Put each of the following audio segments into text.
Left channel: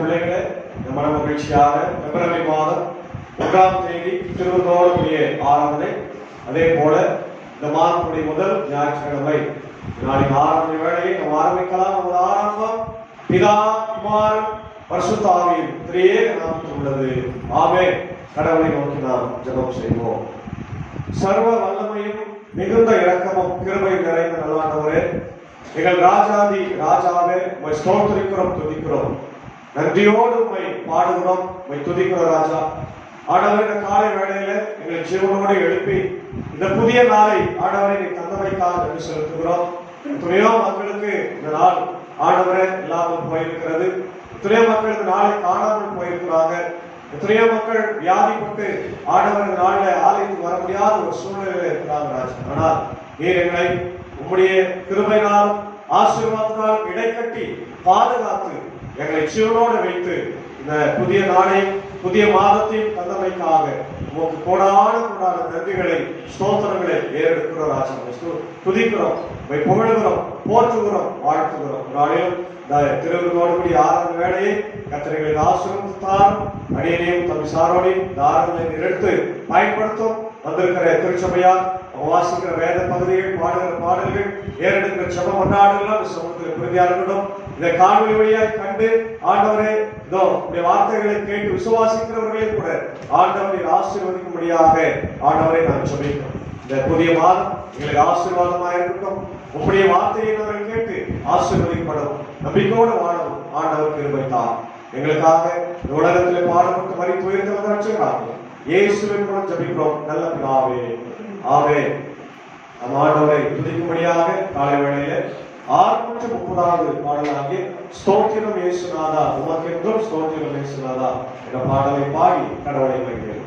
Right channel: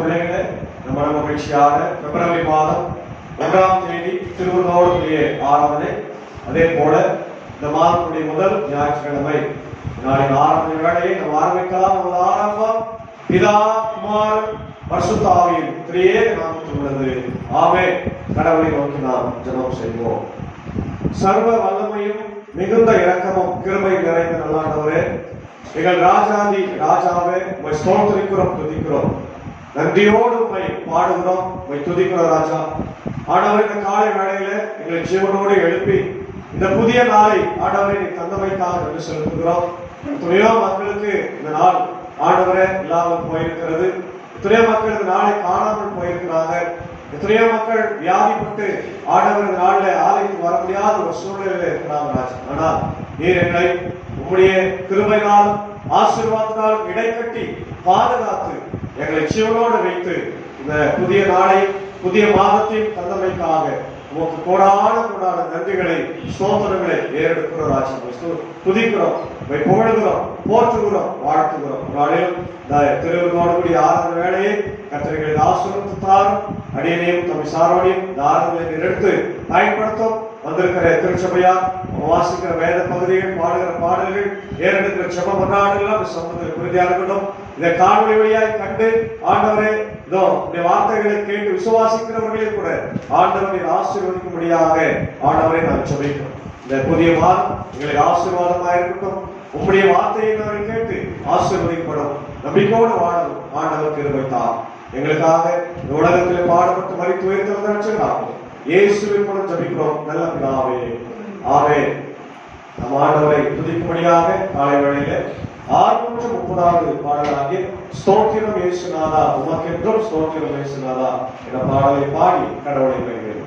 பிள்ளைகளே, நம்ம மகிழ்ச்சியாக பிப்ரவரி மாதம் 1ஆம் தேதி திருவண்ணாமலை ஆராதனை. அதே போல இந்த மாதத்துடைய முதல் ஞாயிற்றுக்கிழமை நாளின் ஆராதனை வேளையை நம்ம ஆரம்பிக்கலாம். நமது ஆரம்பம் பிதா குமார் பரிசுத்த ஆவியின் திரியேக நாமத்தில் உள்ளது. ஆமென். கடவுளை நோக்கி நாம் ஜெபம் செய்வோம். சர்வ வல்லமையும் மிகுந்த இரக்கமும் கிருபை நிறைந்த நல்லாண்டவரே, எங்கள் ராஜாதி ராஜாவே, உம்மை ஸ்தோத்திரிக்கிறோம், துதிக்கிறோம், நன்றியோடு உம்மை பாடுகிறோம், உம்மை துதிக்கிறோம் ராஜா. ஆண்டவர், இந்த காலை வேளையில எங்களை ஜீவனோடு எழுப்பி இந்த புதிய நாளை ஆண்டவரை நீ தந்தமைக்காக நன்றி செலுத்துகிறோம். எத்தனையோ மக்களுக்கு இந்த நாள் ஆண்டவரே இல்லாமல் போயிருக்கிறது. எத்தனையோ மக்கள் இந்த நாளை காணாமல் போயிருக்கிறாங்க. எத்தனையோ மக்கள் வியாதிப்பட்டு ஆண்டவர் இந்த நாளில் ஆலயத்துக்கு வர முடியாத ஒரு சூழ்நிலையில் இருக்கிறாங்க ராஜா. ஆனால் நீர் எங்களை உம்முடைய கிருபையினால் ஆசீர்வாதத்தால் இடைக்கட்டி பாதுகாத்து எங்களை ஜீவனோடு வைத்து இந்த புதிய நாளையும் புதிய மாதத்தையும் தந்தமைக்காக உமக்கு கோடான நன்றிகளை ஸ்தோத்திரங்களை ஏறெடுக்கிறோம் ராஜா. துதிக்கிறோம், புகழ்கிறோம், போற்றுகிறோம், வாழ்த்துகிறோம். நாளிலும் திருவிழாவுடைய ஆராதனை வேலையை கர்த்தர்களை ஆசீர்வதித்தார். அடியனையும் தம் சாரோடையும் தாரங்களை எடுத்து பயன்படுத்தும். வந்திருக்கிற திருச்சபையார் வாசிக்கிற வேத பகுதிகள், பாடுகிற பாடல்கள், ஏறெடுக்கிற செப மன்றாடுகளும் சமூகத்தில் பிரதியாளர்களும் இதை காணொலி வழியாய் கண்டு ஆண்டவரே இதோ உடைய வார்த்தைகளை கேட்டு விசுவாசிக்கிறவர்களே கூட ஆண்டவரை ஆசீர்வதிக்கும்படியாக ஆண்டவரை நாம் ஜெபிக்கிறோம். இந்த புதிய மாதம் எங்களுக்கு ஆசீர்வாதமாக இருக்கட்டும். உங்களுடைய வார்த்தையை நாங்கள் கேட்டு ஆசீர்வதிக்கப்படும் நம்பிக்கையோடு வாழவும் ஆண்டவர் கிருபை தார். எங்களுக்காக இந்த உலகத்தில் பாடுபட்டு மரித்து உயிர்த்தெழுந்த ரட்சகராக இயேசுவின் மூலம் ஜெபிக்கிறோம் நல்ல பிதாவே, ஆமென். நம் ஆண்டவரை துதிக்கும்படியாக காலை வேளையில 630வது பாடலாகிய ஸ்தோத்திரம் இயேசுநாதா உமக்கென்றும் ஸ்தோத்திரம் இயேசுநாதா என்ற பாடலை பாடி கடவுளை வேண்டுகிறோம்.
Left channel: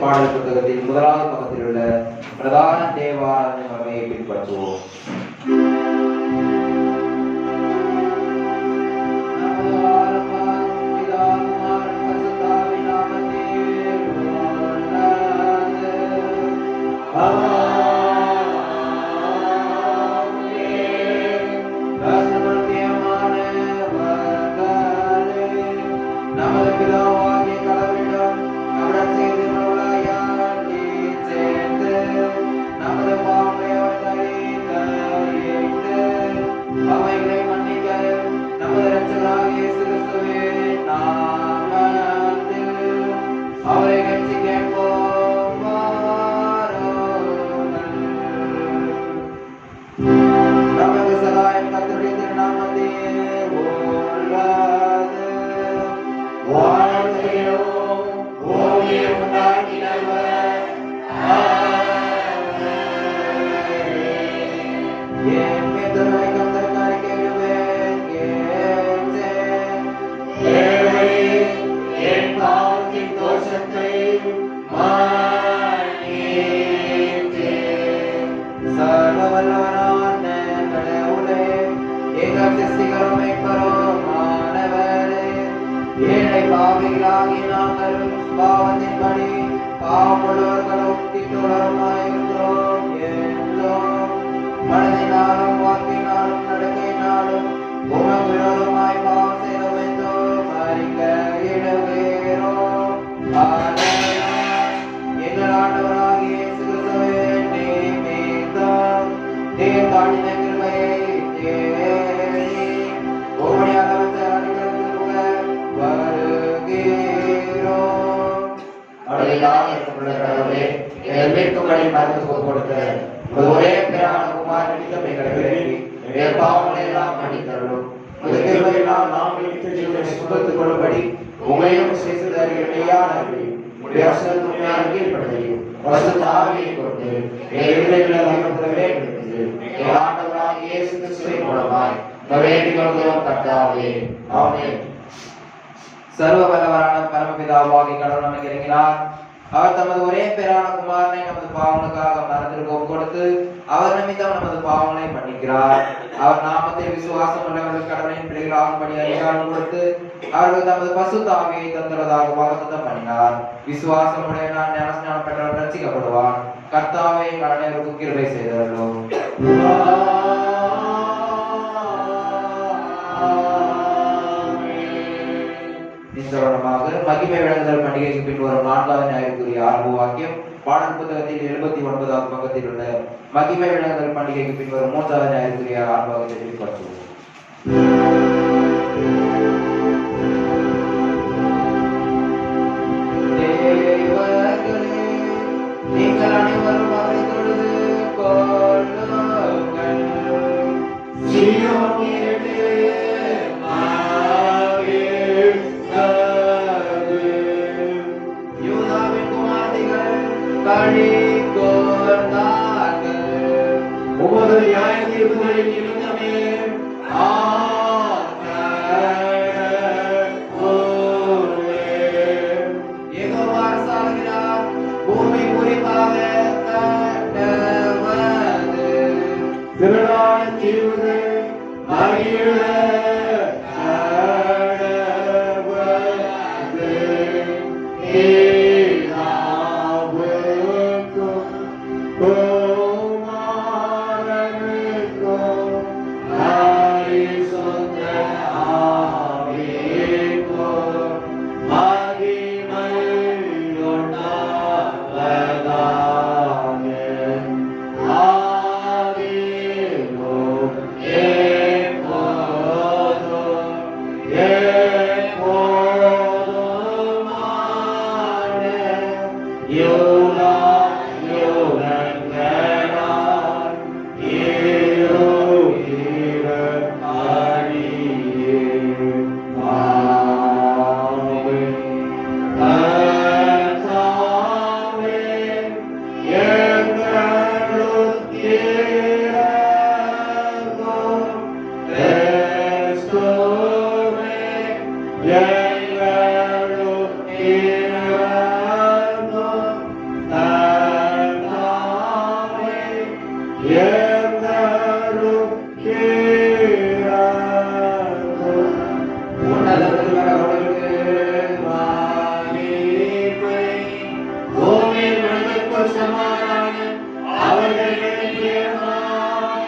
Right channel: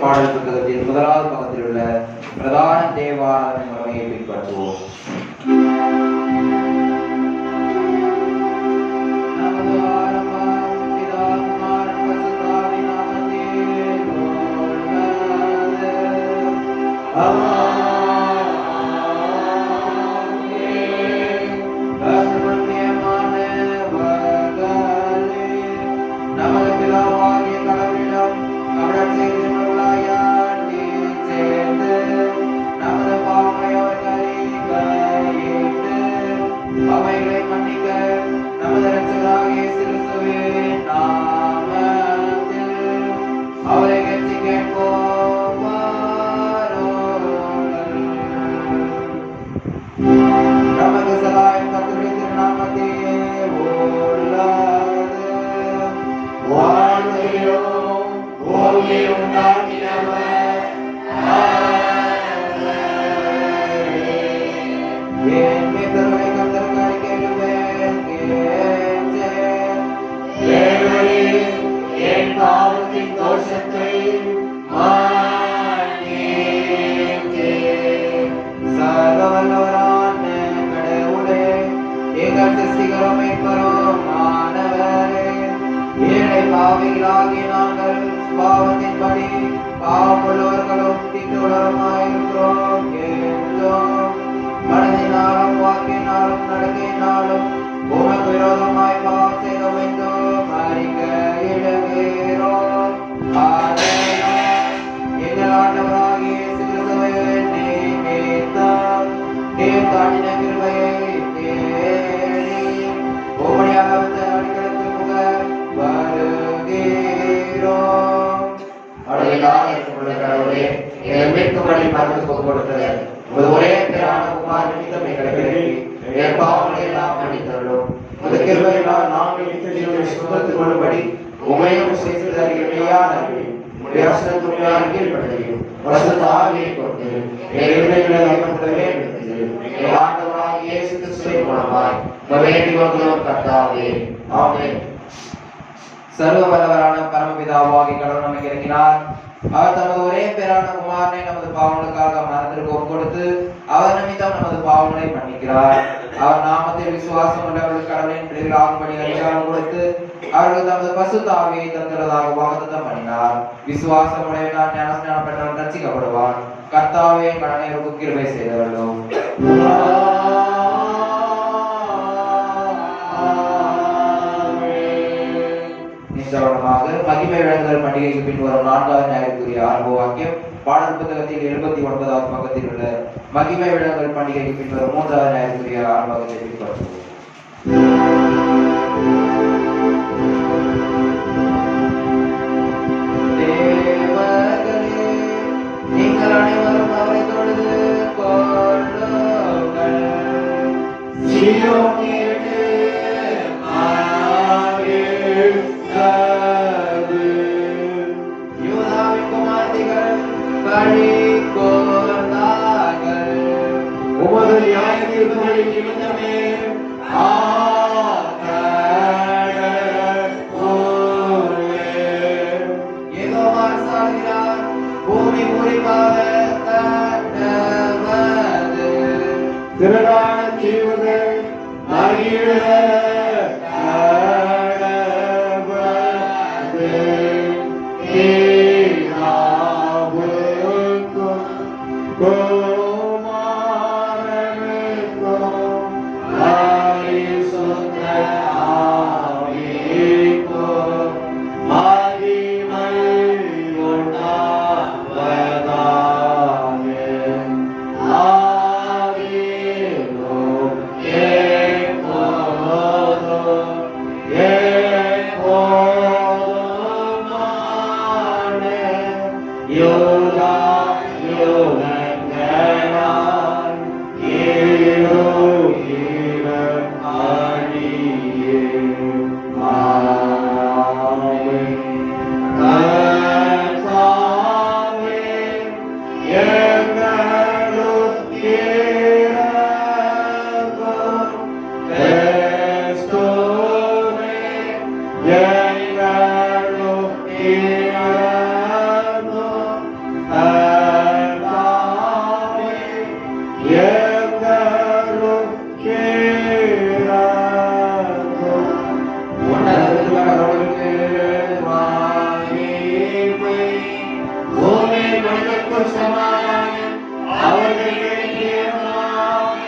பாடல் புத்தகத்தில் முதலாவது பக்கத்தில் உள்ள பிரதான தேவாராதனை முறையை பின்பற்றுவோம். சர்வ வல்லவரான பரமபிதாவாகிய கடவுள் நமக்கு இறங்கினார். அவர் தமது ஒரே பேரான குமாரனை நமது பாவங்களுக்காக மரணத்திற்கு ஒப்பு கொடுத்து அவர் நிமித்தம் நமது பாவங்களை மன்னிக்கிறார். அவர் நாமத்தில் விசுவாசம் உள்ளவர்கள் கடவுளின் பிள்ளைகளாகும்படி அதிகாரம் கொடுத்து அவர்கள் தமது பசுத்த ஆவியை தந்துள்ளதாக வாக்குத்தத்தம் பண்ணினார். விசுவாசம் உடையவனான் ஞானஸ்நானம் பெற்றவன் ரட்சிக்கப்படுவான். கர்த்தாவே கடனையருக்கு கிருபை செய்தவர்களோ பண்டிகைக்கு பின் வரும் 4வது ஞாயிற்றுக்குரிய ஆரம்ப வாக்கியம் பாடல் புத்தகத்தில் 79வது பக்கத்தில் உள்ள மகிமை விழாக்கள் பண்டிகைக்கு பின் வரும் 3வது ஞாயிற்றுக்குரிய ஆரம்ப வாக்கியத்தை பின்பற்றுவோம். தேவர்களே, நீங்கள் அனைவரும் அவரை தொழுது கொள்ளுங்கள். சீயோனிலே மாநாடு யூதாவின் குமாரத்திகள் களி கூர்ந்தார்கள். உமது நியாய தீர்ப்புகளின் நிமித்தமே பூமி குறிப்பாக கண்டவது திருடான தீவுகள் மகிழ கடவது ஏனாவுக்கும் குமாரனுக்கும் பரிசுத்த ஆவிக்கும் மகிமை உண்டாவதாக. ஆதியிலும் எப்போதும் எப்போதுமான யுகா யுகங்களாய் இருகிற அடியே. ஆமென். கர்த்தாவே, எங்களுக்கு இரங்கும். கிறிஸ்துவே, எங்களுக்கு இரங்கும். கர்த்தாவே, எங்களுக்கு இரங்கும். உன்னதத்தில் கடவுளுக்கு மகிமை, பூமியில் மனிதருக்குள் சமாதானம். அவர்களே பிரியமாய்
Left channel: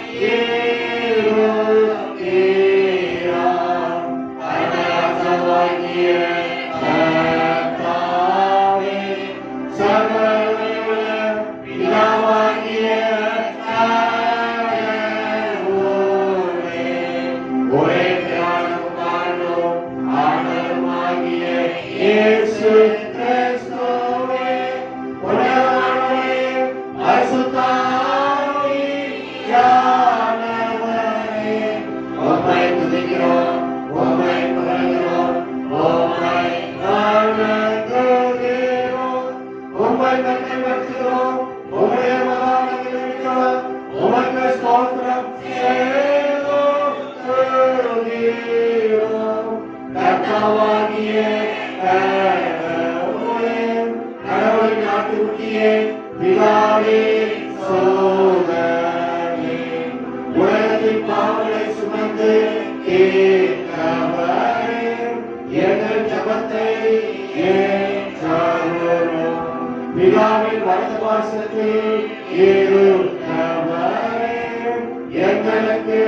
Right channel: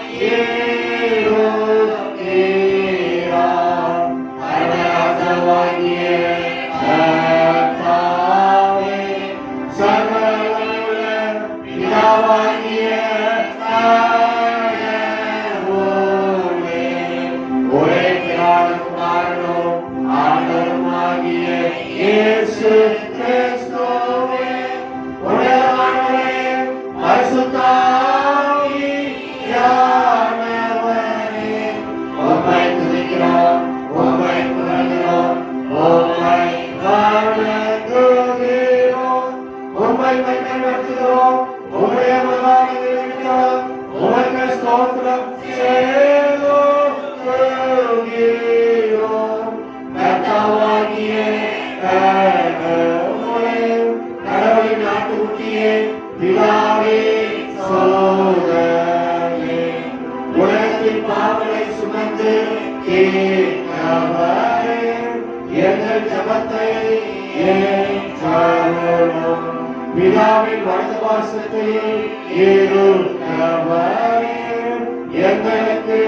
இருக்கிறார். பரமராஜாவாகிய கர்த்தாவே, சர்வவல்லமையுள்ள பிதாவாகிய கடவுளே, ஒரே பிதாவும் குமாரனும் ஆண்டவருமாகிய இயேசு கிறிஸ்துவே, உன்னதமானவரே, பரிசுத்த ஆவியானவரே, உம்மை துதிக்கிறோம், உம்மை புகழ்கிறோம், உம்மை வணங்குகிறோம், உம்மை கட்டளையிடுகிறோம், உம்முடைய மகானை வேண்டுகிறோம், உமக்கு ஸ்தோத்திரம் செலுத்துகிறோம். கர்த்தாவாகிய கடவுளே, கடவுளின் ஆட்டுக்குட்டியே, பிதாவே, சோதரனே, உலகத்தின் பாவங்களை சுமந்து தீர்த்தவரே, எங்கள் ஜெபத்தை ஏற்றருளும். பிதாவின் வலது பார்சத்தில் இருக்கிறவரே, எங்களுக்கு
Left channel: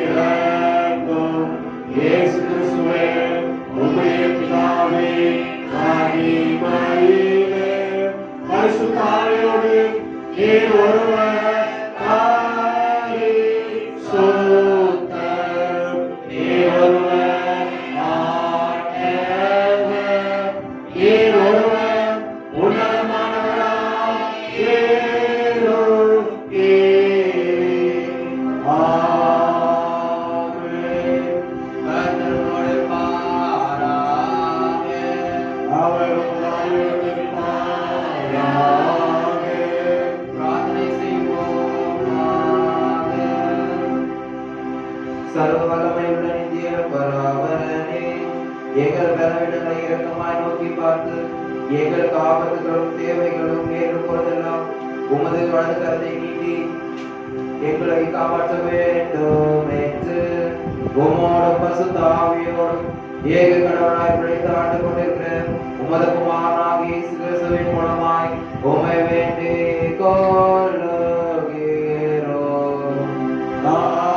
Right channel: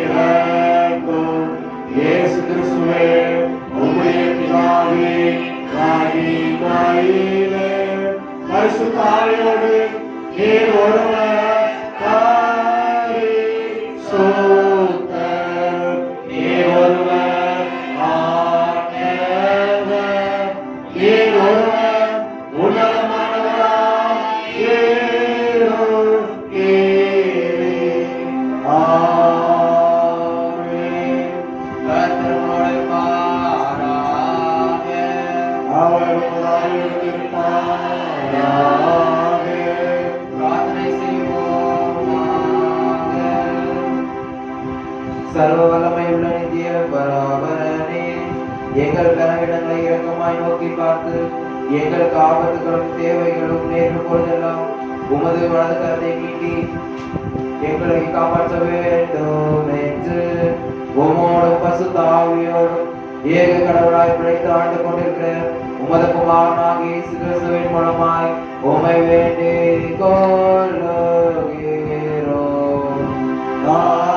இரங்கும். இயேசு கிறிஸ்துவே, உம்முடைய பிதாவே, மகிமையிலே பரிசுத்த ஆவியோடு நீர் ஒருவர் பரிசுத்தர், நீர் ஒருவர் ஆண்டவர், நீர் ஒருவர் உன்னதமானவராய் இருக்கிறீர். ஆமென். கர்த்தரோடு பாராதே, அவர் உம்முடைய பாராதே. பிரார்த்தனை செய்வோமாக. சர்வ வல்லமை உள்ள நித்திய பராபரனே, எங்கள் பலவீனங்களை இரக்கமாய் நோக்கி பார்த்து எங்களுக்கு ஆபத்துகளும் தேவைகளும் நேர்ந்து கொள்ளலாம் உமது வலது கரத்தை நீட்டி எங்களை காப்பாற்ற வேண்டும் என்று உமோடும் பரிசுத்த ஆவியோடும் ஏக கடவுளாய் பிழைத்து ஆண்டு கொண்டிருக்கிற உமது குமாரனாகிய இயேசு கிறிஸ்துவின் மூலமாய் உம்மை வேண்டிக் கொள்ளுகிறோம். ஆமென்.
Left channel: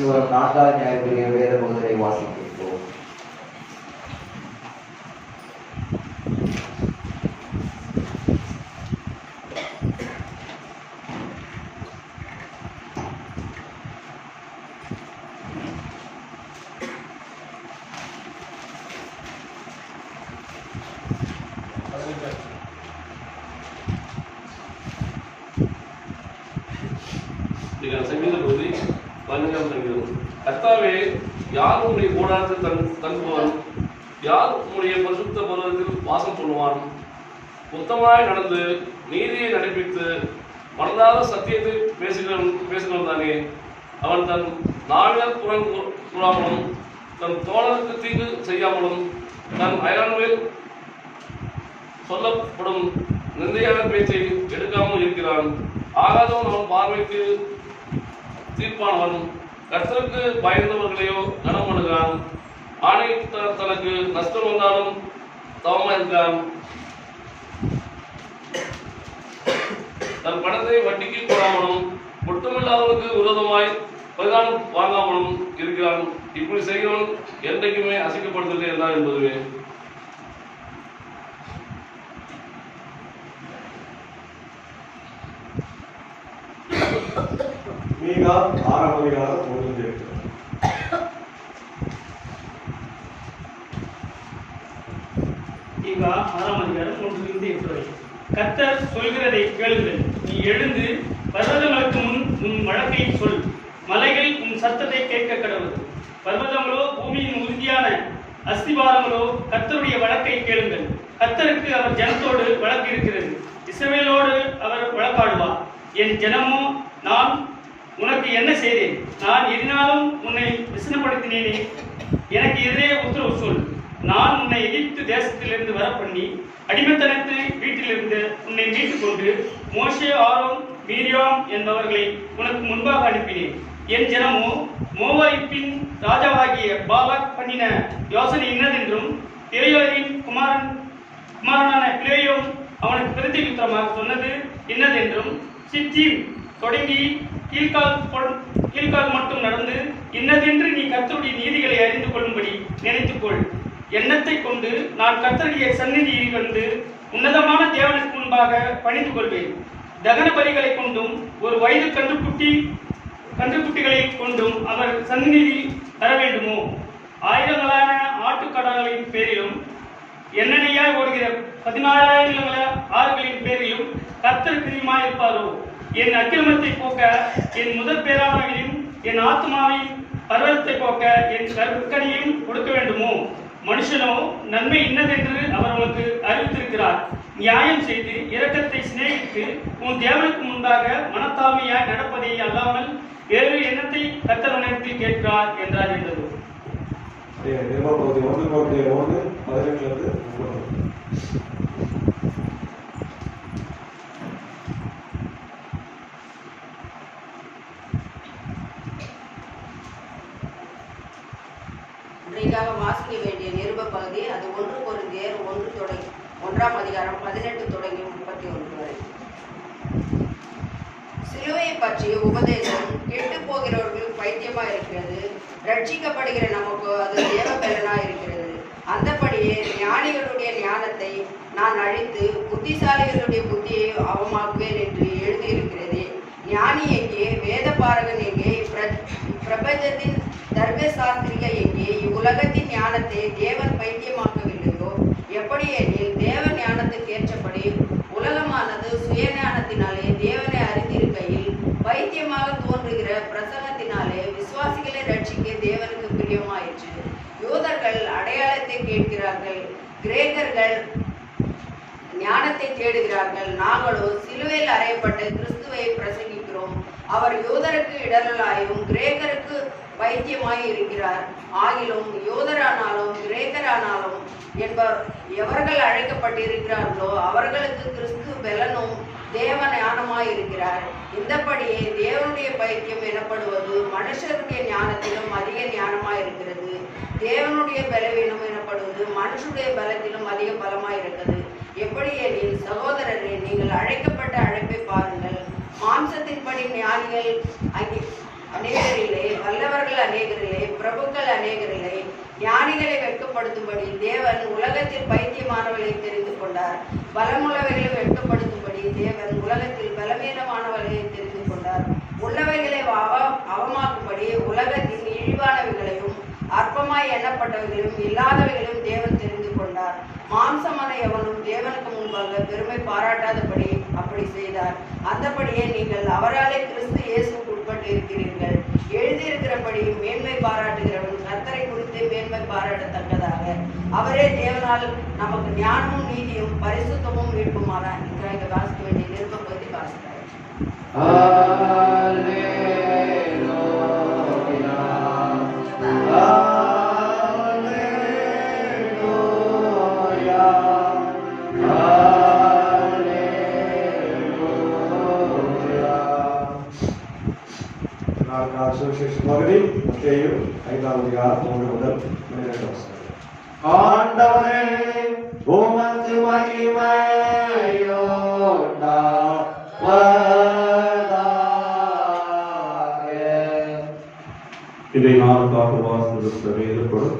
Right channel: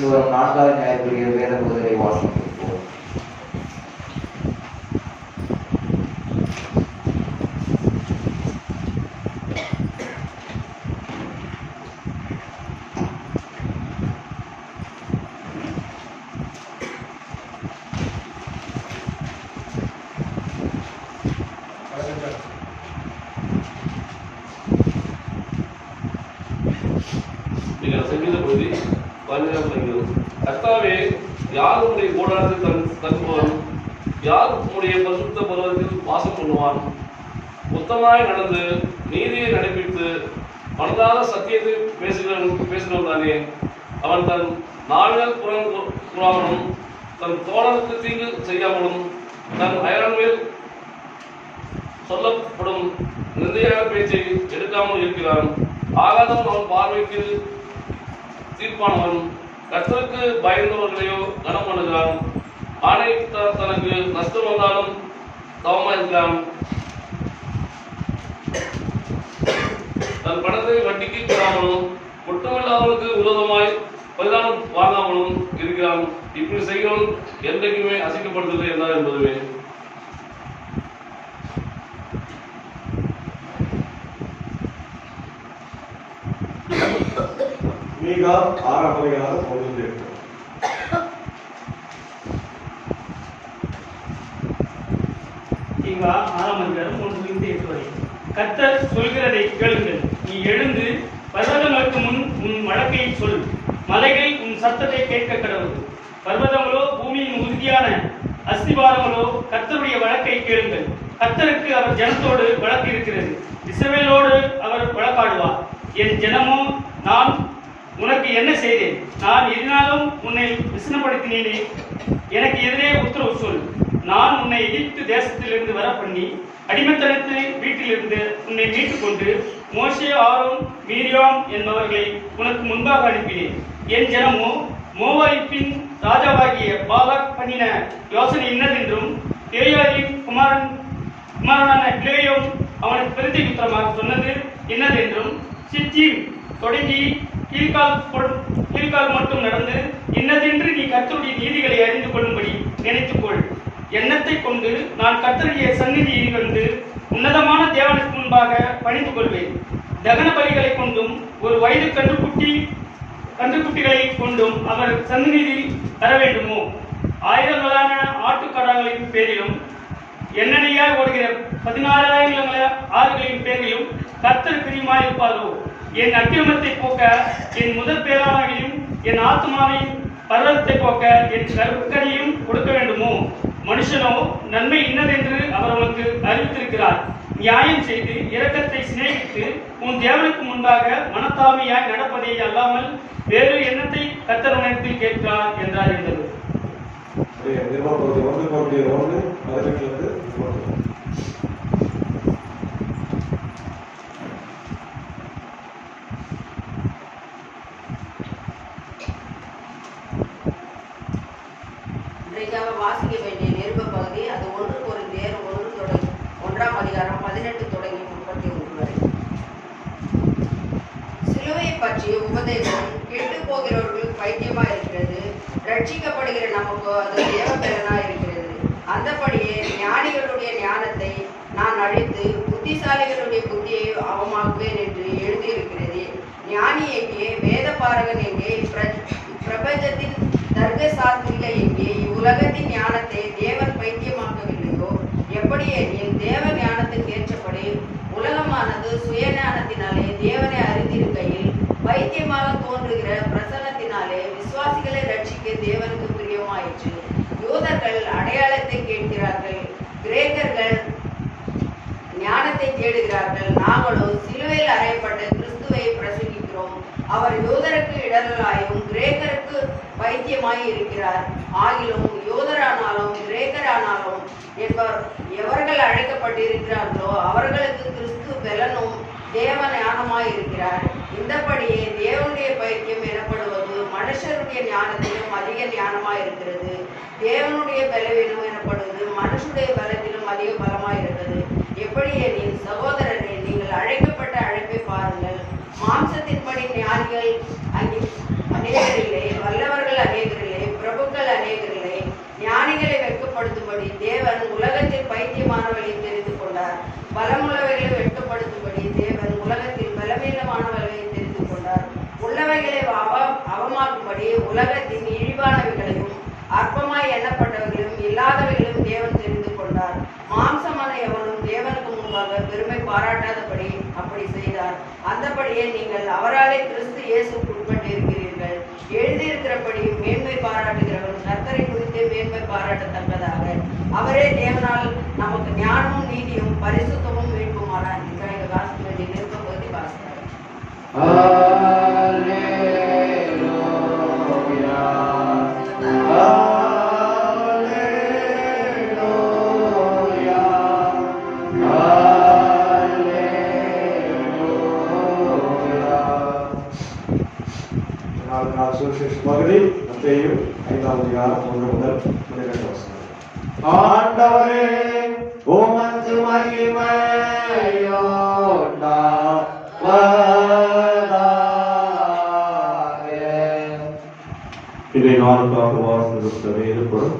சூரம் 4வது நியாயக்குரிய வேத பகுதியை வாசிப்போம். சங்கீத பகுதி 15ஆம் சங்கீதம். கர்த்தாவே, யார் உம்முடைய கூடாரத்தில் தங்குவான்? யார் உம்முடைய பரிசுத்த பர்வதத்தில் வாசம் பண்ணுவான்? உத்தமமாய் நடந்து நீதியை நடைபித்து மனதார சத்தியத்தை பேசுகிறவன் தானே. அவன் தன் நாளில் கூறாமலும் தன் தோழருக்கு தீங்கு செய்யாமலும் தன் அயலான்மேல் சொல்லப்படும் நிந்தையான பேச்சை எடுக்காமல் இருக்கிறான். ஆகாதவன் அவன் பார்வைக்கு தீர்ப்பானவன். கர்த்தருக்கு பயந்தவர்களையோ கனம் பண்ணுகிறான். தனக்கு நஷ்டம் வந்தாலும் தவமாயிருக்கிறான். தன் பணத்தை வட்டிக்கு போடாமலும் ஒட்டுமில்லாதவனுக்கு விரோதமாய் பரிதானம் வாங்காமலும் இருக்கிறான். இப்படி செய்கிறவன் என்றைக்குமே அசைக்கப்படுவதில்லை என்றார் என்பதுவே. மீகா 6ஆம் அதிகாரம் 1-8. மீகா 6ஆம் அதிகாரம் 1-8 வரை. கர்த்தர் சொல்கிறதை கேளுங்கள். நீ எழுந்து பர்வதங்களுக்கு முன் உன் வழக்கை சொல். மலைகள் உன் சத்தத்தை கேட்க கடவுள். பர்வதங்களோ பூமியின் உறுதியான அஸ்திவாரங்களோ கர்த்தருடைய வழக்கை கேளுங்கள். கர்த்தருக்கு அவர் ஜனத்தோடு வழக்கு இருக்கிறது. இஸ்ரவேலோடு அவர் வழக்காடுவார். என் ஜனமோ, நான் உனக்கு என்ன செய்தேன்? நான் எதினாலும் உன்னை விசனப்படுத்தினேனே. எனக்கு எதிரே உத்தரவு சொல். நான் உன்னை எகிப்து தேசத்திலிருந்து வர பண்ணி அடிமைத்தனத்து வீட்டிலிருந்து உன்னை மீட்டுக் கொண்டு மோசே, ஆரோன், மீரியாம் என்பவர்களை உனக்கு முன்பாக அனுப்பினேன். என் ஜனமோ மோவாபின் ராஜாவாகிய பாலாக் பண்ணின யோசனை இன்னதென்றும் பேயோரின் குமாரனான பிளேயோம் அவனுக்கு பிரதியுத்தரமாக சொன்னது இன்னதென்றும் சித்தீம் தொடங்கி கீழ்கால் மட்டும் நடந்து இன்னதென்று நீ கர்த்தருடைய நீதிகளை அறிந்து கொள்ளும்படி நினைத்துக்கொள். எண்ணத்தை கொண்டு நான் கர்த்தருடைய சந்நிதியில் வந்து உன்னதமான தேவனுக்கு முன்பாக பணிந்து கொள்வேன். தகன பலிகளை கொண்டும் ஒரு வயது கன்றுக்குட்டிகளை கொண்டும் அவர் சந்நிதியில் தர வேண்டுமோ? ஆயிரங்களான ஆட்டுக்கடாக்களின் பேரிலும் எண்ணெயாய் ஓடுகிற 16,000 ஆறுகளின் பேரிலும் கர்த்தர் பிரியமாயிருப்பாரோ? என் அக்கிரமத்தை போக்க என் முதற் பேரானாவையும் என் ஆத்மாவையும் பர்வதத்தை போக்க என் கற்கனையும் கொடுக்க வேண்டுமோ? மனுஷனோ நன்மை இன்னதென்று அவர் அவனுக்கு அறிவித்திருக்கிறார். நியாயம் செய்து இரக்கத்தை சிநேகித்து உன் தேவனுக்கு முன்பாக மனத்தாமையாய் நடப்பதை அல்லாமல் வேறு எண்ணத்தை கர்த்தர் உனத்தில் கேட்கிறார் என்றார் என்றது. வாசிக்க வேண்டிய நிருப பகுதி அது 1 கொரிந்தியர் 1ஆம் அதிகாரம் 18 தொடங்கி 31 வரை. சிலுவையை பற்றிய உபதேசம் கெட்டு போகிறவர்களுக்கு பைத்தியமா இருக்கிறது, ரட்சிக்கப்படுகிற நமக்கு அது தேவபலனா இருக்கிறது. அந்தபடியே ஞானிகளுடைய ஞானத்தை நான் அழித்து புத்திசாலிகளுடைய புத்தியை அவமாக்குவேன் என்று எழுதியிருக்கிறது. ஞானி எங்கே? வேத பாரகன் எங்கே? பிரபஞ்சத்தின் தர்க்க சாஸ்திரிக எங்கே? இவ்வுலகத்தின் ஞானத்தை தேவன் பைத்தியமாக்கவில்லையோ? எப்படி எனில் தேவ ஞானத்துக்கு ஏற்றபடி உலகமானது சுய ஞானத்தினாலே தேவனை அறிந்திருக்கையில் பைத்தியமாக தோன்றுகிற பிரசன்னத்தினாலே விசுவாசிகளை ரட்சிக்க தேவனுக்கு பிரியமாயிற்று. யூதர்கள் அடையாளத்தை கேட்கிறார்கள், கிரேக்கர்கள் ஞானத்தை தேடுகிறார்கள். நாங்களோ சிலுவையில் அறையப்பட்ட கிறிஸ்துவை பிரசங்கிக்கிறோம். அவர் யூதருக்கு இடரலாயும் கிரேக்கருக்கு பைத்தியமாய் இருக்கிறார். ஆகிலும் யூதரானாலும் கிரேக்கரானாலும் எவர்கள் அழைக்கப்பட்டிருக்கிறார்களோ அவர்களுக்கு கிறிஸ்து பலனும் தேவ ஞானமாய் இருக்கிறார். இந்தபடியே தேவனுடைய பைத்தியம் எனப்படுவது மனுஷருடைய ஞானத்திலும் அதிக ஞானமாய் இருக்கிறது. தேவனுடைய பலவீனம் எனப்படுவது மனுஷனுடைய பலத்திலும் அதிக பலமாய் இருக்கிறது. எப்படி எனில் சகோதரரே, நீங்கள் அழைக்கப்பட்ட அழைப்பை பாருங்கள். மாம்சத்தின்படி ஞானிகள் அநேகரிலே, வல்லவர்கள் தேவன் உலகத்தில் பைத்தியமானவர்களை தெரிந்து கொண்டார். பலமுள்ளவைகளை வெட்கப்படுத்தும்படி தேவன் உலகத்தில் பலவீனமானவர்களை தெரிந்து கொண்டார். உள்ளவைகளை அவமாக்கும்படி உலகத்தின் இழிவானவைகளையும் அற்பமாய் எண்ணப்பட்டவைகளும் இல்லாதவைகளையும் தேவன் தெரிந்து கொண்டார். மாம்சமான எவனும் தேவனுக்கு முன்பாக பெருமை பாராட்டாதபடி அப்படி செய்தார். அந்தபடியே நீங்கள் அவராலே கிறிஸ்து இயேசுக்கு உட்பட்டிருக்கிறீர்கள். எழுதியிருக்கிறபடி மேன்மை பாராட்டுகிறவன் கர்த்தரை குறித்து மேன்மை பாராட்டத்தக்கதாக அவரே தேவனால் நமக்கு ஞானமும் நீதியும் பரிசுத்தமும் மீட்புமானார். இன்றைய வாசிக்க வேண்டிய நிருபப்பகுதி வாசிக்கிறார். பகுதி மத்தேயு 5ஆம் அதிகாரம் 1 முதல் 12 வசனம். ஆண்டவரே உமக்கு மகிமையுண்டாவதாக. இதை நாளுக்காக வாசனம் வேறுபடும்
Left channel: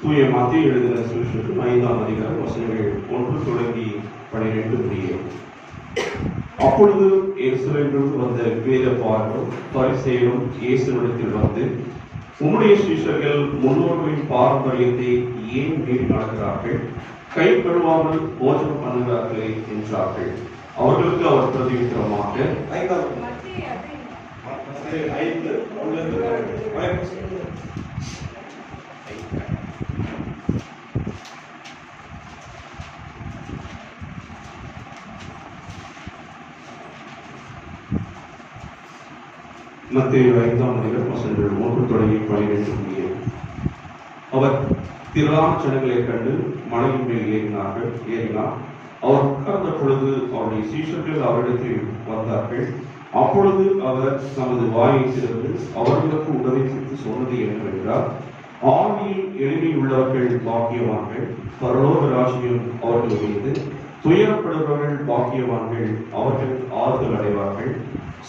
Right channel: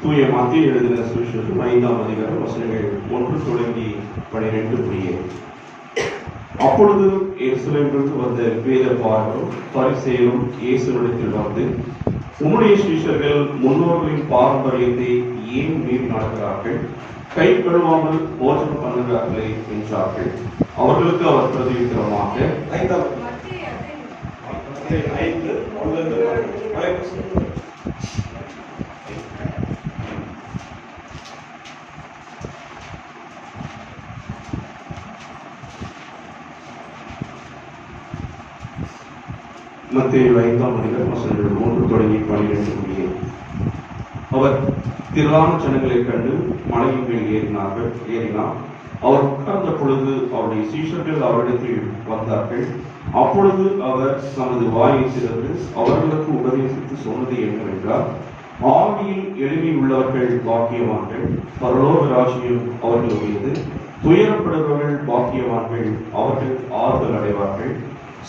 தூய மத்திய எழுதின சுவிசேஷம் 5ஆம் அதிகாரம் வசனங்கள் 1 தொடங்கி 12 முடிய. அப்பொழுது எருசலேமிலிருந்து வந்த வேதபாரகரும் பரிசேயரும் இயேசுவிடத்தில் வந்து, உம்முடைய சீஷர்கள் முன்னோர்களின் பாரம்பரியத்தை ஏன் மீறி நடக்கிறார்கள்? கை கழுவாமல் போஜனம் பண்ணுகிறார்களே என்றார்கள். அவர்களுக்கு அவர் பிரதியுத்தரமாக, 5:1 மத்தேயு 5ஆம் அதிகாரம் வசனங்கள் 1 தொடங்கி 12 முடிய. அவர் திரளான ஜனங்களைக் கண்டு மலையின் மேல் ஏறினார். அவர் உட்கார்ந்த பொழுது அவருடைய சீஷர்கள் அவரிடத்தில் வந்தார்கள். அப்பொழுது அவர் தமது வாயை திறந்து அவர்களுக்கு உபதேசித்து சொன்னது என்னவென்றால், ஆவியில் எளிமையுள்ளவர்கள் பாக்கியவான்கள், பரலோக ராஜ்யம் அவர்களுடையது. துயரப்படுபவர்கள் பாக்கியவான்கள், அவர்கள் ஆறுதல் அடைவார்கள்.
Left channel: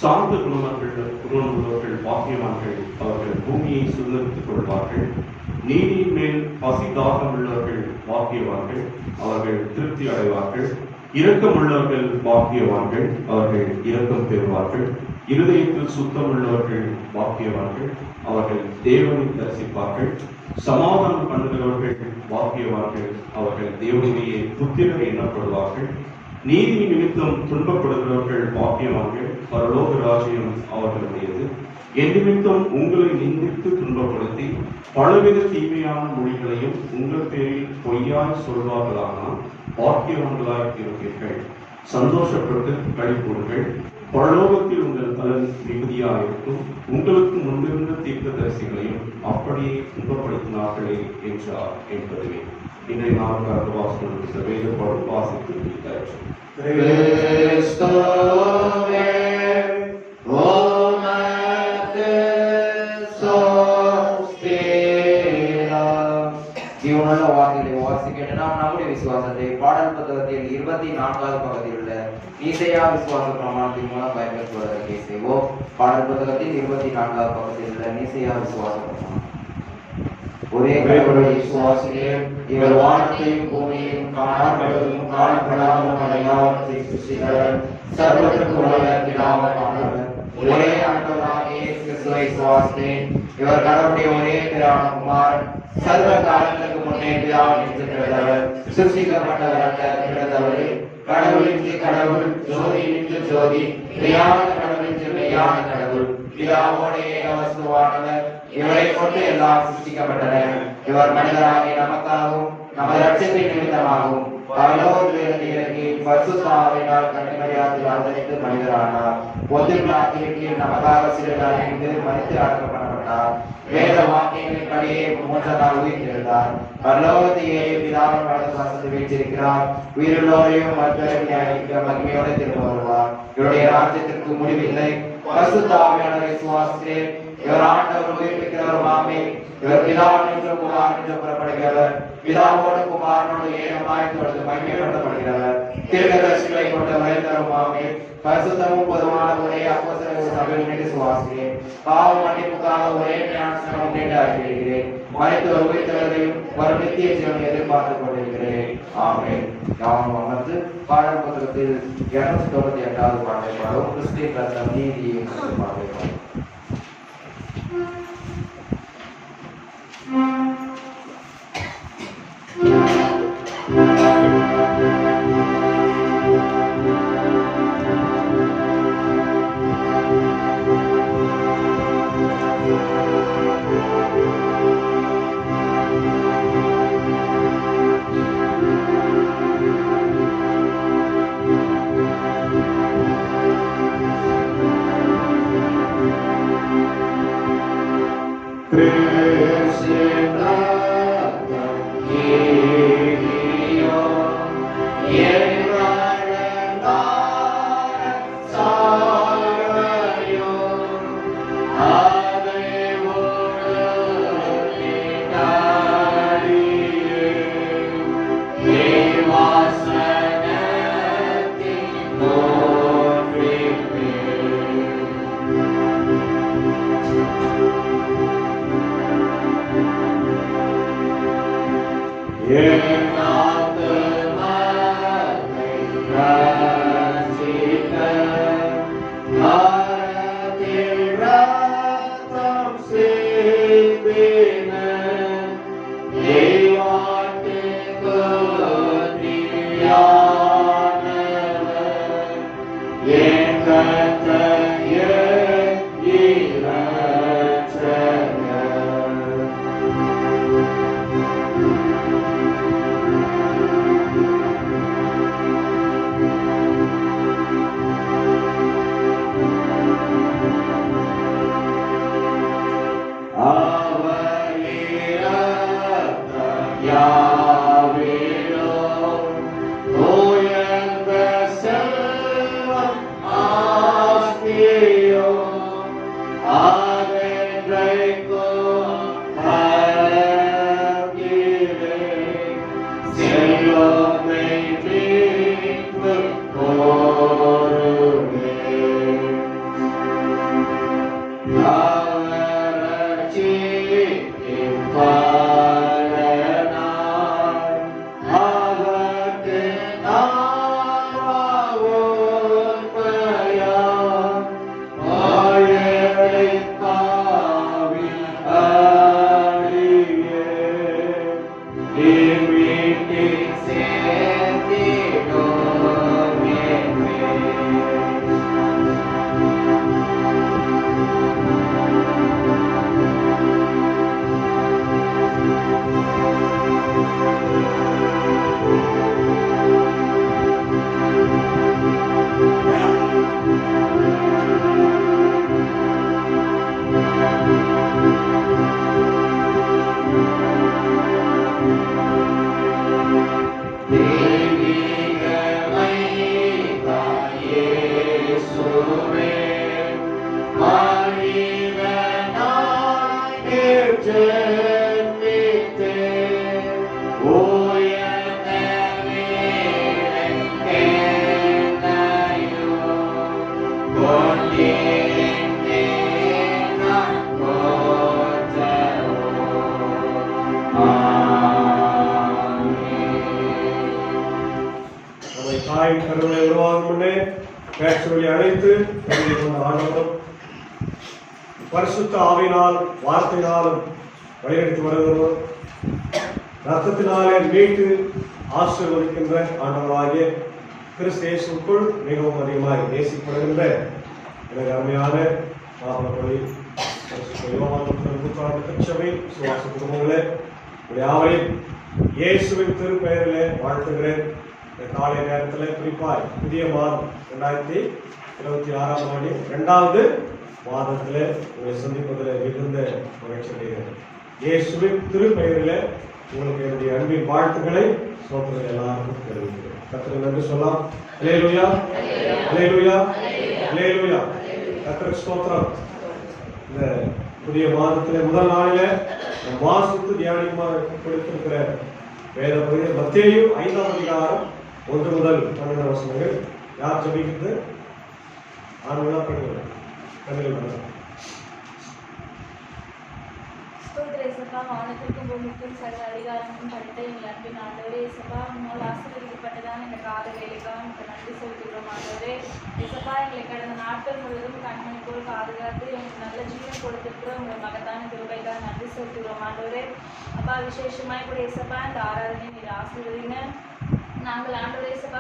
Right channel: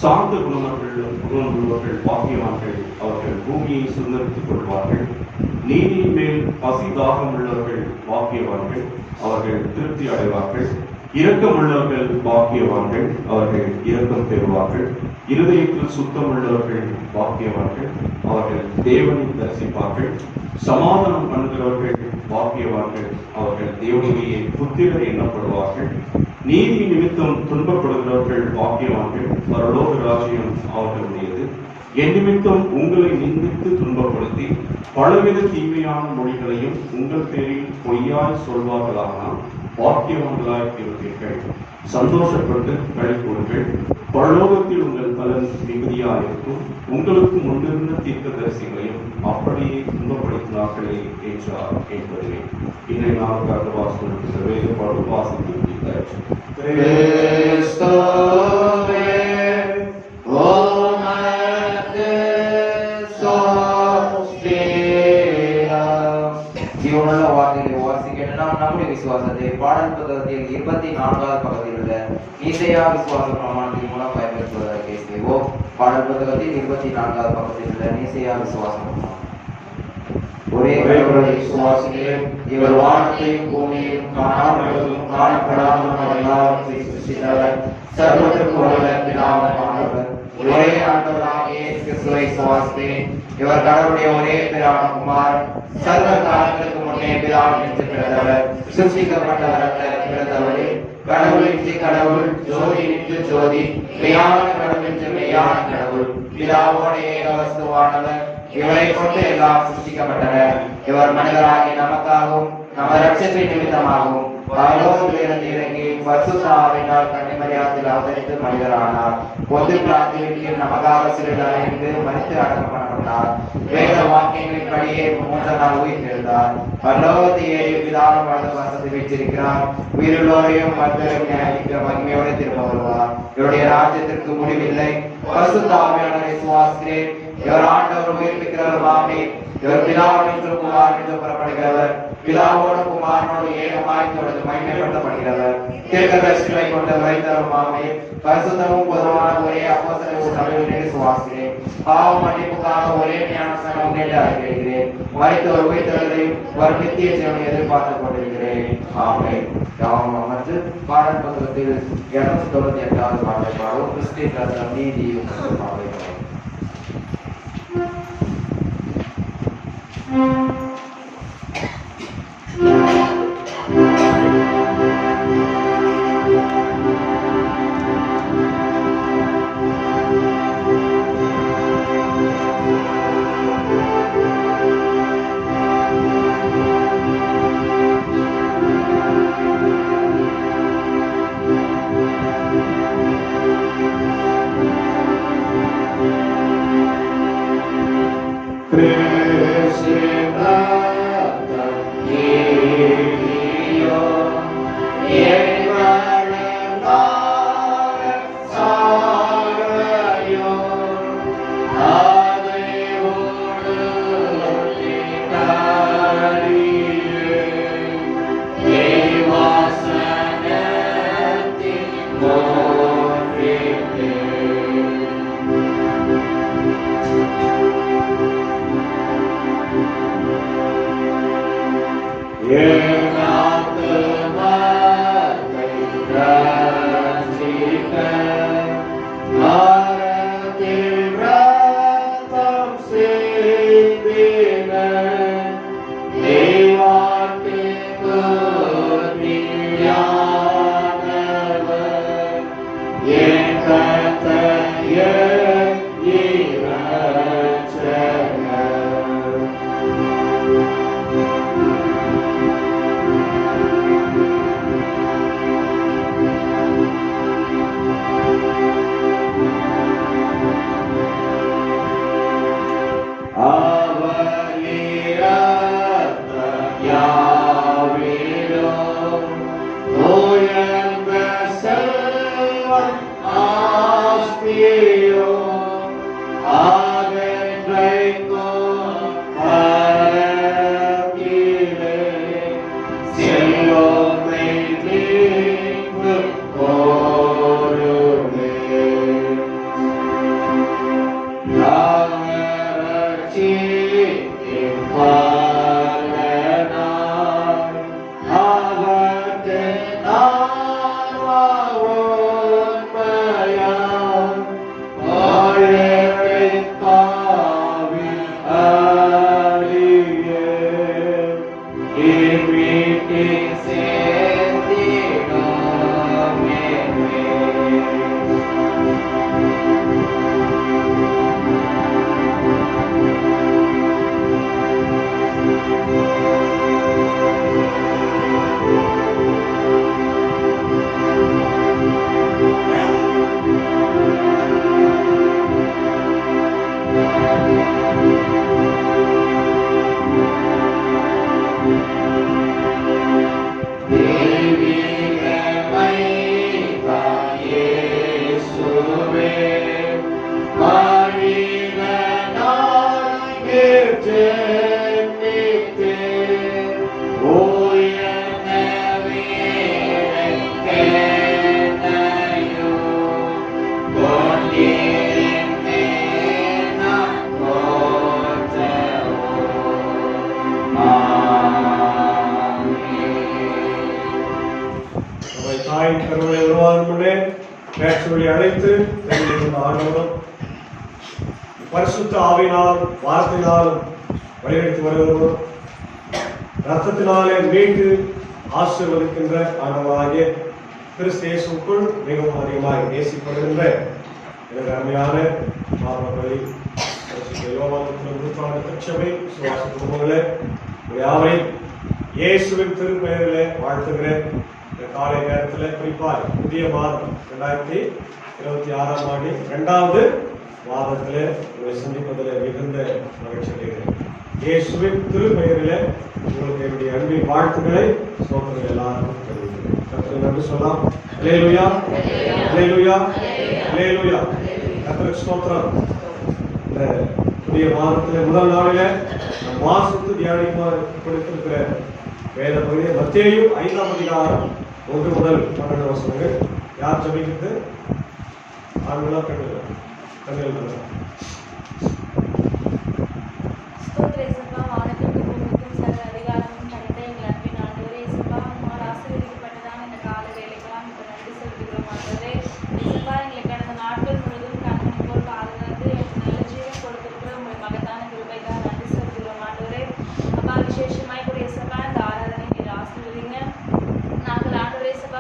சாந்த குணமுள்ளவர்கள் பாக்கியவான்கள், அவர்கள் பூமியை சுதந்திரித்துக் கொள்வார்கள். நீதியின் மேல் பசி தாகம் உள்ளவர்கள் பாக்கியவான்கள், அவர்கள் திருப்தி அடைவார்கள். இரக்கமுள்ளவர்கள் பாக்கியவான்கள், அவர்கள் இரக்கம் பெறுவார்கள். இருதயத்தில் சுத்தம் உள்ளவர்கள் பாக்கியவான்கள், அவர்கள் தேவனை தரிசிப்பார்கள். சமாதானம் பண்ணுகிறவர்கள் பாக்கியவான்கள், அவர்கள் தேவனுடைய புத்திரர் எண்ணப்படுவார்கள். நீதி நிமித்தம் துன்பப்படுகிறவர்கள் பாக்கியவான்கள், பரலோக ராஜ்யம் அவர்களுடையது. என் நிமித்தம் உங்களை நிந்தித்து துன்பப்படுத்தி பலவித தீமையான மொழிகளையும் உங்கள் பேரில் பொய்யாய் சொல்வார்களானால் பாக்கியவான்களாய் இருப்பீர்கள். சந்தோஷப்பட்டு களிக்கூறுங்கள், பரலோகத்தில் உங்கள் பலன் மிகுதியாயிருக்கும். உங்களுக்கு முன்னிருந்த தீர்க்கதரிசிகளையும் அப்படியே துன்பப்படுத்தினார்களே என்றார் என்பதுவே. இன்றைய நாளுக்காக வாசனம் வேதப்பாடு வாசித்து முடித்தார்கள். ஜீவனுள்ள வார்த்தைகளை வாசிக்கின்ற நாம் நம்முடைய விசுவாசத்தை பாடல் புத்தகத்தில் 24வது பக்கத்தில் உள்ள ஈசையா விசுவாச பிரமாணத்தின் மூலம் பயன்படுத்துவதற்கு செய்வோம். பாடல் புத்தகத்தில் 24வது பக்கத்தில் உள்ள ஈசையா விசுவாச பிரமாணம். ஒரே கடவுளை விசுவாசிக்கிறேன். இவர் வானத்தையும் பூமியையும் காணாமலும் காணப்படாமலும் எல்லாம் சிருஷ்டித்தவர். சர்வத்திற்கு வல்ல பிதாவானவர். ஒரே ஆண்டவராகிய இயேசு கிறிஸ்துவை விசுவாசிக்கிறேன். இவர் கடவுளுடைய ஒரே பிதாவான குமாரன். சர்வ காலங்களுக்கு முன்னே பிதாவினின்று பிறந்தவர். சிருஷ்டிக்கப்பட்டவர் அல்ல, பிறந்தவரே. கடவுளின்றி கடவுள், ஜோதியின்றி ஜோதி, மெய்யான கடவுளின்றி மெய்யான கடவுள். பிதாவோடு ஏக வஸ்துவானவர். இவரை கொண்டு எல்லாம் சிருஷ்டிக்கப்பட்டன. இவர் மனிதராகி நமக்காகவும் நம ரட்சிப்பின் நிமித்தமாகவும் பரலோகத்திலிருந்து இறங்கி பரிசுத்த ஆவியினால் கன்னிமரியாத்தில் அவதரித்து மனிதரானார். பொது பிரார்த்தனைக்கு நமக்காக சிறிது அடைந்து மனித அடக்கம் பண்ணப்பட்டார். வேத வாக்கியங்களின்படியே 3ஆம் நாள் உயிர்த்தெழுந்தார். பரலோகத்தை ஏறி பிதாவின் வலது பக்கத்தில் வீற்றிருக்கிறார். உயிருள்ளோரையும் மருத்துவரையும் நியாயிக்க மகிமையோடு திரும்ப வருவார். இவருடைய ராஜ்யத்திற்கு முடிவில்லை. பரிசுத்த ஆவியானவரை விசுவாசிக்கிறேன். இவர் ஆண்டவர் உயிர்ப்பிக்கிறவருமாமே. இவர் பிதாவினின்று குமாரனின்று புறப்படுகிறவர். பிதாவோடு குமாரனோடு ஏகமாய் தொடர்ந்து மகிமைப்படுத்தப்படுகிறவர். தீர்க்கதரிசிகளை கொண்ட வழித்தருமாமே. பரிசுத்தமும் பொதுவான ஒரே அப்போஸ்தலர் சபையிலே விசுவாசிக்கிறேன். பாவ மன்னிப்புக்காக ஒரே ஞானஸ்நானம் கேட்டு அறிவிக்கிறேன். மரித்து ஒரு உயிர்த்தெழுதலையும் ஒரு நித்திய ஜீவனை எதிர்பார்த்துக் கொண்டிருக்கிறேன். ஆமென். யாவரும் வந்து பாடல் பத்திரத்தில் 298வது பாடலை பாடுவோம். கிறிஸ்திய கர்த்தர் நீதியும் பாடலை பாடுவோம். தாயின் கருவை உருவாகும் முன்னே பேச்சுவலி அழைத்து ஆண்டவரும் பரிசுத்த ஆவினால் வார்த்தையினாலும் வழிநடத்தி வருகிறோம். ரத்தத்தினாலே மீட்டு ஆசீர்வதிக்கின்ற ஆண்டவராகிய கிறிஸ்து இயேசுவுக்குள் மிகவும் அதிகமாக நேசிப்படுகின்ற எனக்கு அருமையான மாணவர்களை சுவாச குடும்பங்களே யாவையும் இயேசுவின் திருப்பெயரிலே வாழ்த்துகிறேன். இந்த காலை நேரத்தில் குறிப்பாக புதிய மாதம் 2026ஆம் ஆண்டு 2வது மாதத்தில் உங்களை சந்திப்பதில் மிகுந்த மகிழ்ச்சி அடைகிறேன். இயேசுவின் திருப்பெயரிலே உங்களுக்கு என்னுடைய அன்பின் வாழ்த்துக்களை சோதனை எல்லாருக்கும் தெரிவிக்கிறேன். கர்த்தருக்கு நன்றி சொல்லலாம். அல்லேலூயா, அல்லேலூயா, அல்லேலூயா. கர்த்தருக்கு ஸ்தோத்திரம். இந்த புதிய மாதத்தில் முதல் நாளிலே வாசித்து தியானிக்குமாறு கொடுத்திருக்கிற வேத பகுதியை மத்தேயு 5ஆம் அதிகாரம் 1 முதல் 12 வசனங்கள். யார் ஜெபிக்கிறது? ஆண்களா பெண்களா? தமிழ்